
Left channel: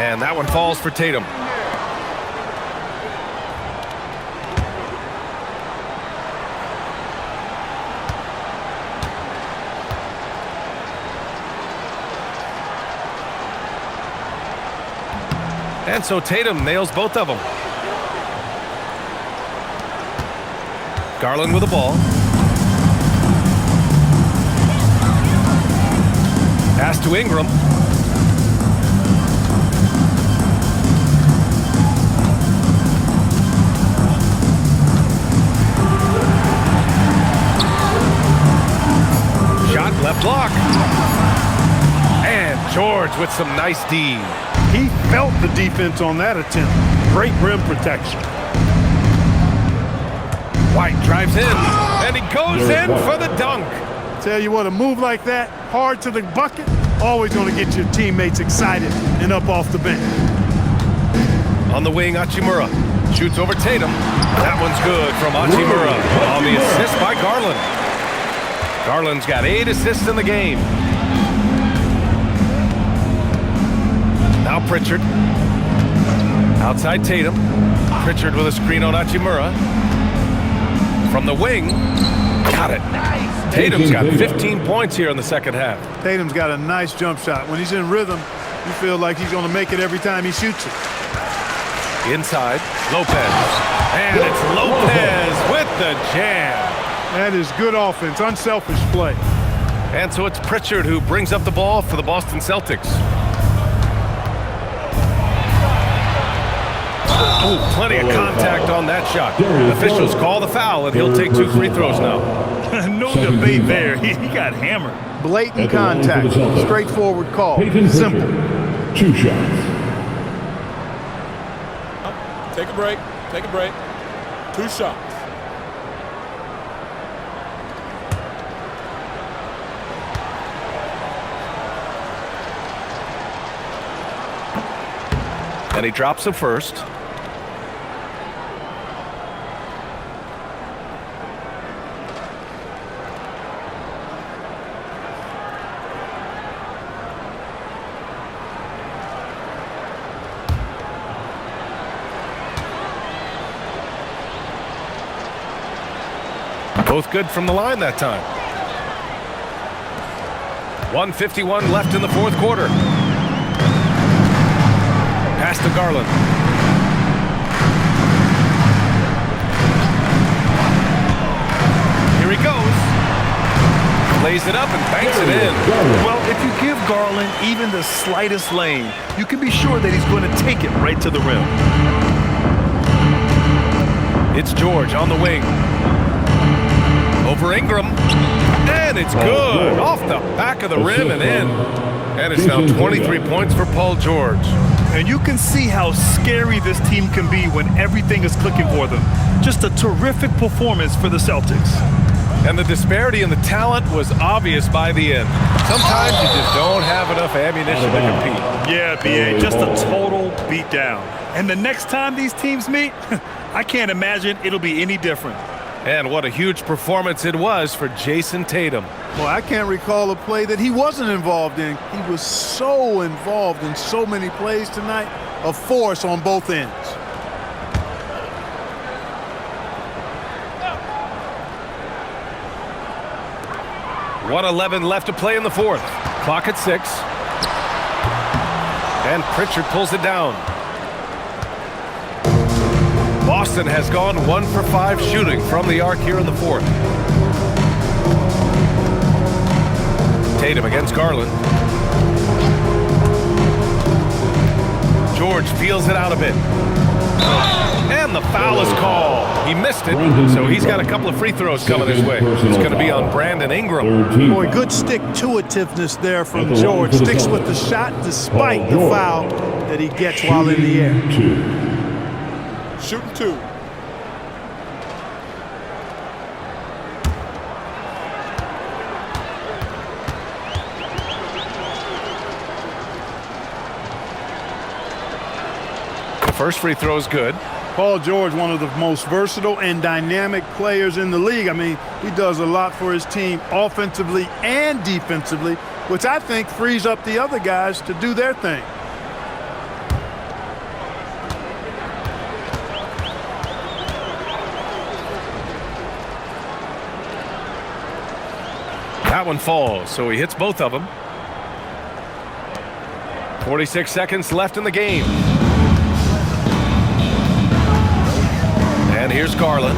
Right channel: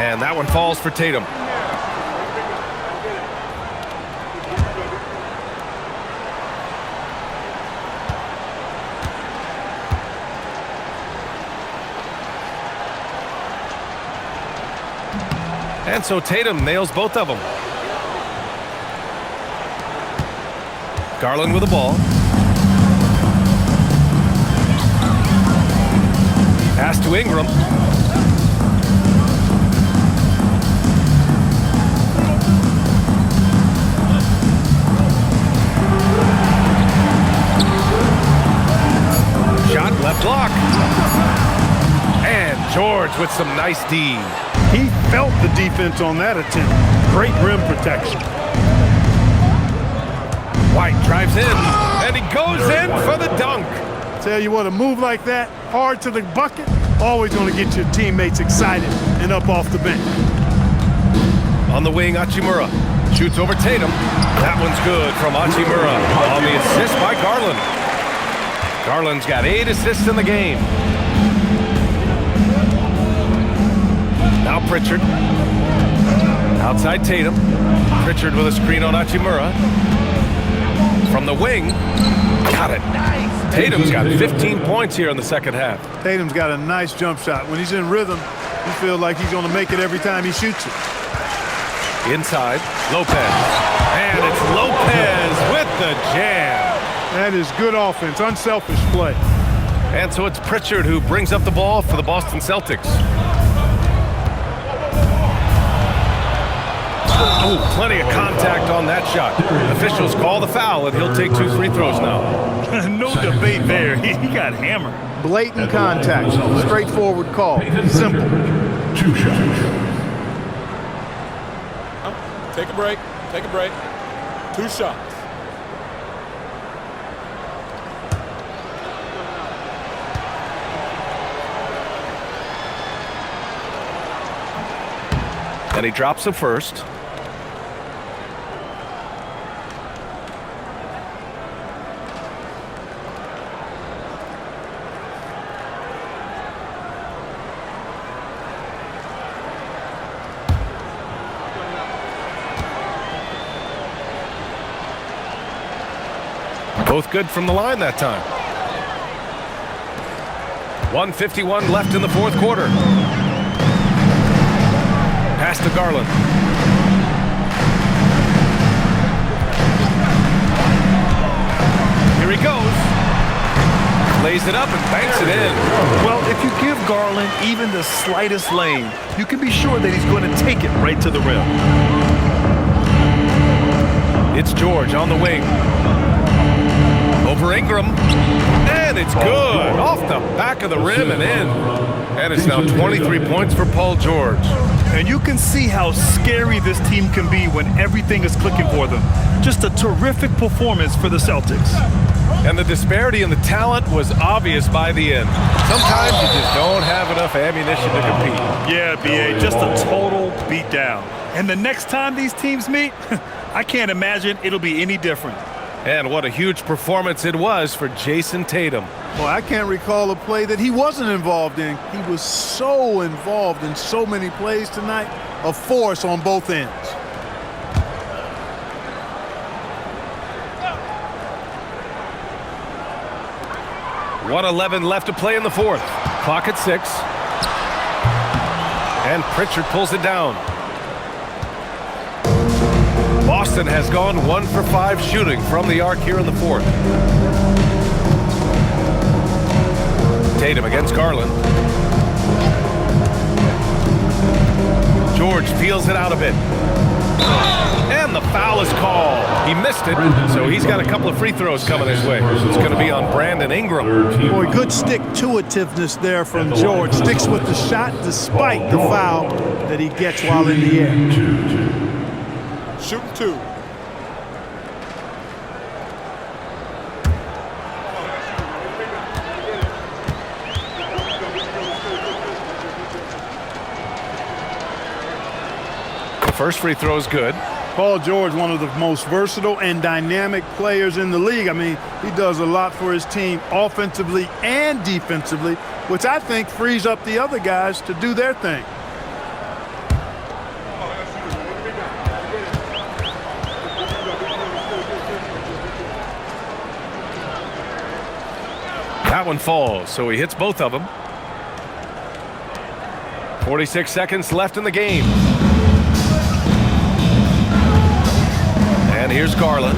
And that one falls for Tatum. And so Tatum nails both of them. Garland with the ball. Pass to Ingram. Shot left block. And George with some nice D. He felt the defense on that attempt. Great rim protection. White drives in, and he goes in for the dunk. Tell you what, a move like that, hard to the bucket, always going to get your teammates excited and up off the bench. On the wing, Hachimura shoots over Tatum. That one's good from Hachimura on the assist by Garland. Garland's got 8 assists in the game. Now Pritchard. Outside Tatum. Pritchard with a screen on Hachimura. From the wing. Got it. Tatum's got 15 points here in the second half. Tatum's got a nice jump shot. When he's in rhythm, you feel like he's going to make it every time he shoots it. Inside, Lopez. And it's Lopez with the jam. That is good offense, unselfish play. And so it's Pritchard who brings up the ball for the Boston Celtics. Oh, plenty of contact on that shot. Officials call the foul, and he'll take 2 free throws now. No debate there. He got hammered. Blatant contact, straightforward call, simple. 2 shots. Take a break. Take a break. 2 shots. And he drops it first. Both good from the line that time. 1:51 left in the fourth quarter. Pass to Garland. Here he goes. Lays it up and banks it in. Well, if you give Garland even the slightest lane, you can be sure that he's going to take it right to the rim. It's George on the wing. Over Ingram, and it's good. Off the back of the rim and in. And it's now 23 points for Paul George. And you can see how scary this team can be when everything is clicking for them. Just a terrific performance for the Celtics. And the disparity in the talent was obvious by the end. Sometimes you just don't have enough ammunition to compete. Yeah, B.A., just a total beatdown. And the next time these teams meet, I can't imagine it'll be any different. And what a huge performance it was for Jason Tatum. Well, I can't recall a play that he wasn't involved in. He was so involved in so many plays tonight, a force on both ends. .111 left to play in the fourth. Clock at 6. And Pritchard pulls it down. Boston has gone 1 for 5 shooting from the arc here in the fourth. Tatum against Garland. George peels it out a bit. And the foul is called. He missed it, so he's got a couple of free throws coming his way. It's going to be on Brandon Ingram. Boy, good stick-to-itiveness there from George. Sticks with the shot despite the foul that he gets while in the air. Shooting 2. The first free throw is good. Paul George, one of the most versatile and dynamic players in the league. I mean, he does a lot for his team offensively and defensively, which I think frees up the other guys to do their thing. That one falls, so he hits both of them. 46 seconds left in the game. And here's Garland.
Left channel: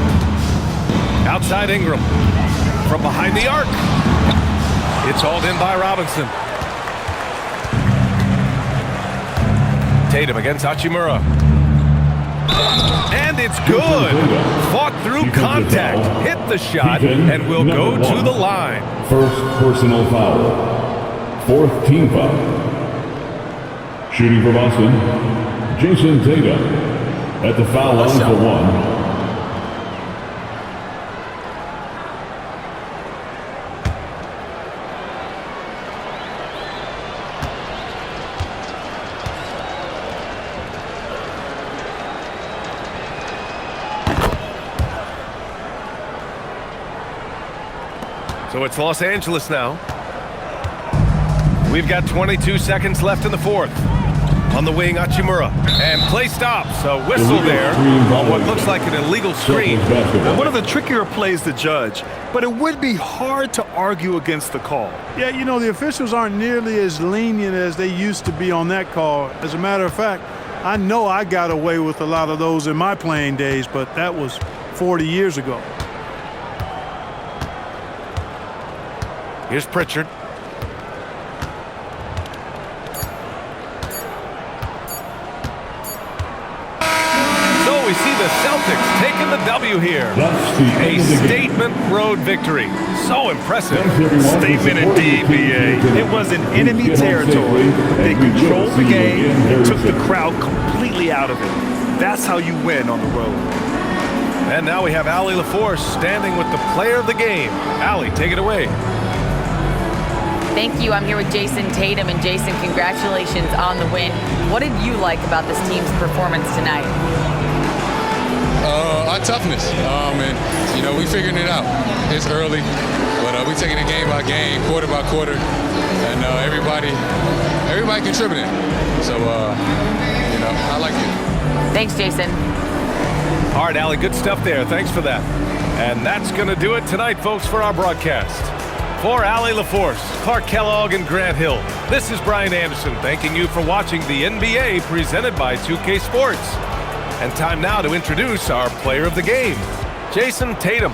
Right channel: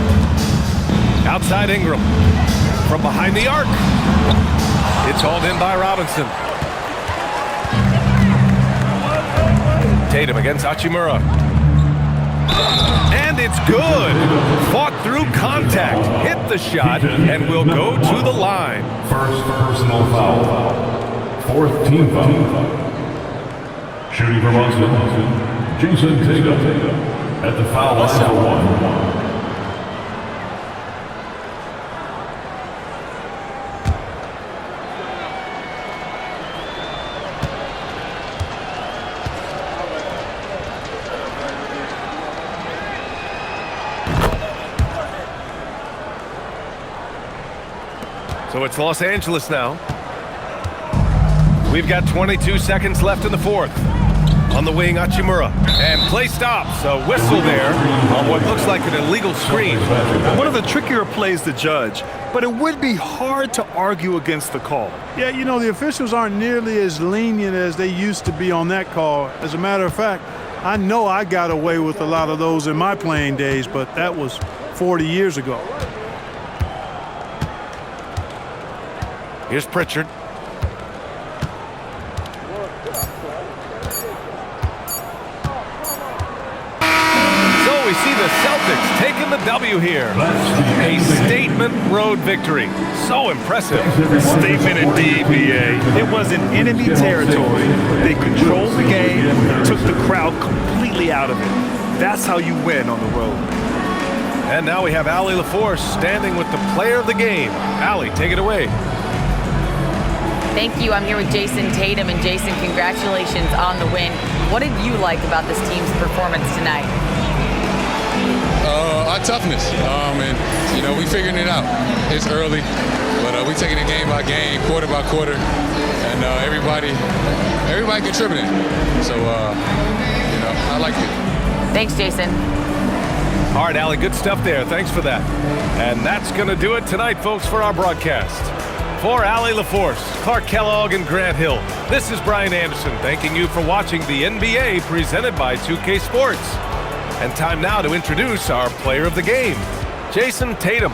Outside Ingram. From behind the arc. It's hauled in by Robinson. Tatum against Hachimura. And it's good. Fought through contact. Hit the shot and will go to the line. First personal foul. Fourth team foul. Shooting for Boston, Jason Tatum at the foul line for 1. So it's Los Angeles now. We've got 22 seconds left in the fourth. On the wing, Hachimura. And play stops. A whistle there on what looks like an illegal screen. One of the trickier plays to judge, but it would be hard to argue against the call. Yeah, you know, the officials aren't nearly as lenient as they used to be on that call. As a matter of fact, I know I got away with a lot of those in my playing days, but that was 40 years ago. Here's Pritchard. So we see the Celtics taking the W here. A statement road victory. So impressive. Statement indeed, B.A. It was in enemy territory, but they controlled the game and took the crowd completely out of it. That's how you win on the road. And now we have Allie LaForce standing with the player of the game. Allie, take it away. Thank you. I'm here with Jason Tatum. And Jason, congratulations on the win. What did you like about this team's performance tonight? Our toughness. And, we figuring it out. It's early, but we taking it game by game, quarter by quarter, and everybody contributing. So, I like it. Thanks, Jason. All right, Allie, good stuff there. Thanks for that. And that's going to do it tonight, folks, for our broadcast. For Allie LaForce, Clark Kellogg, and Grant Hill, this is Brian Anderson thanking you for watching the NBA presented by 2K Sports. And time now to introduce our player of the game, Jason Tatum.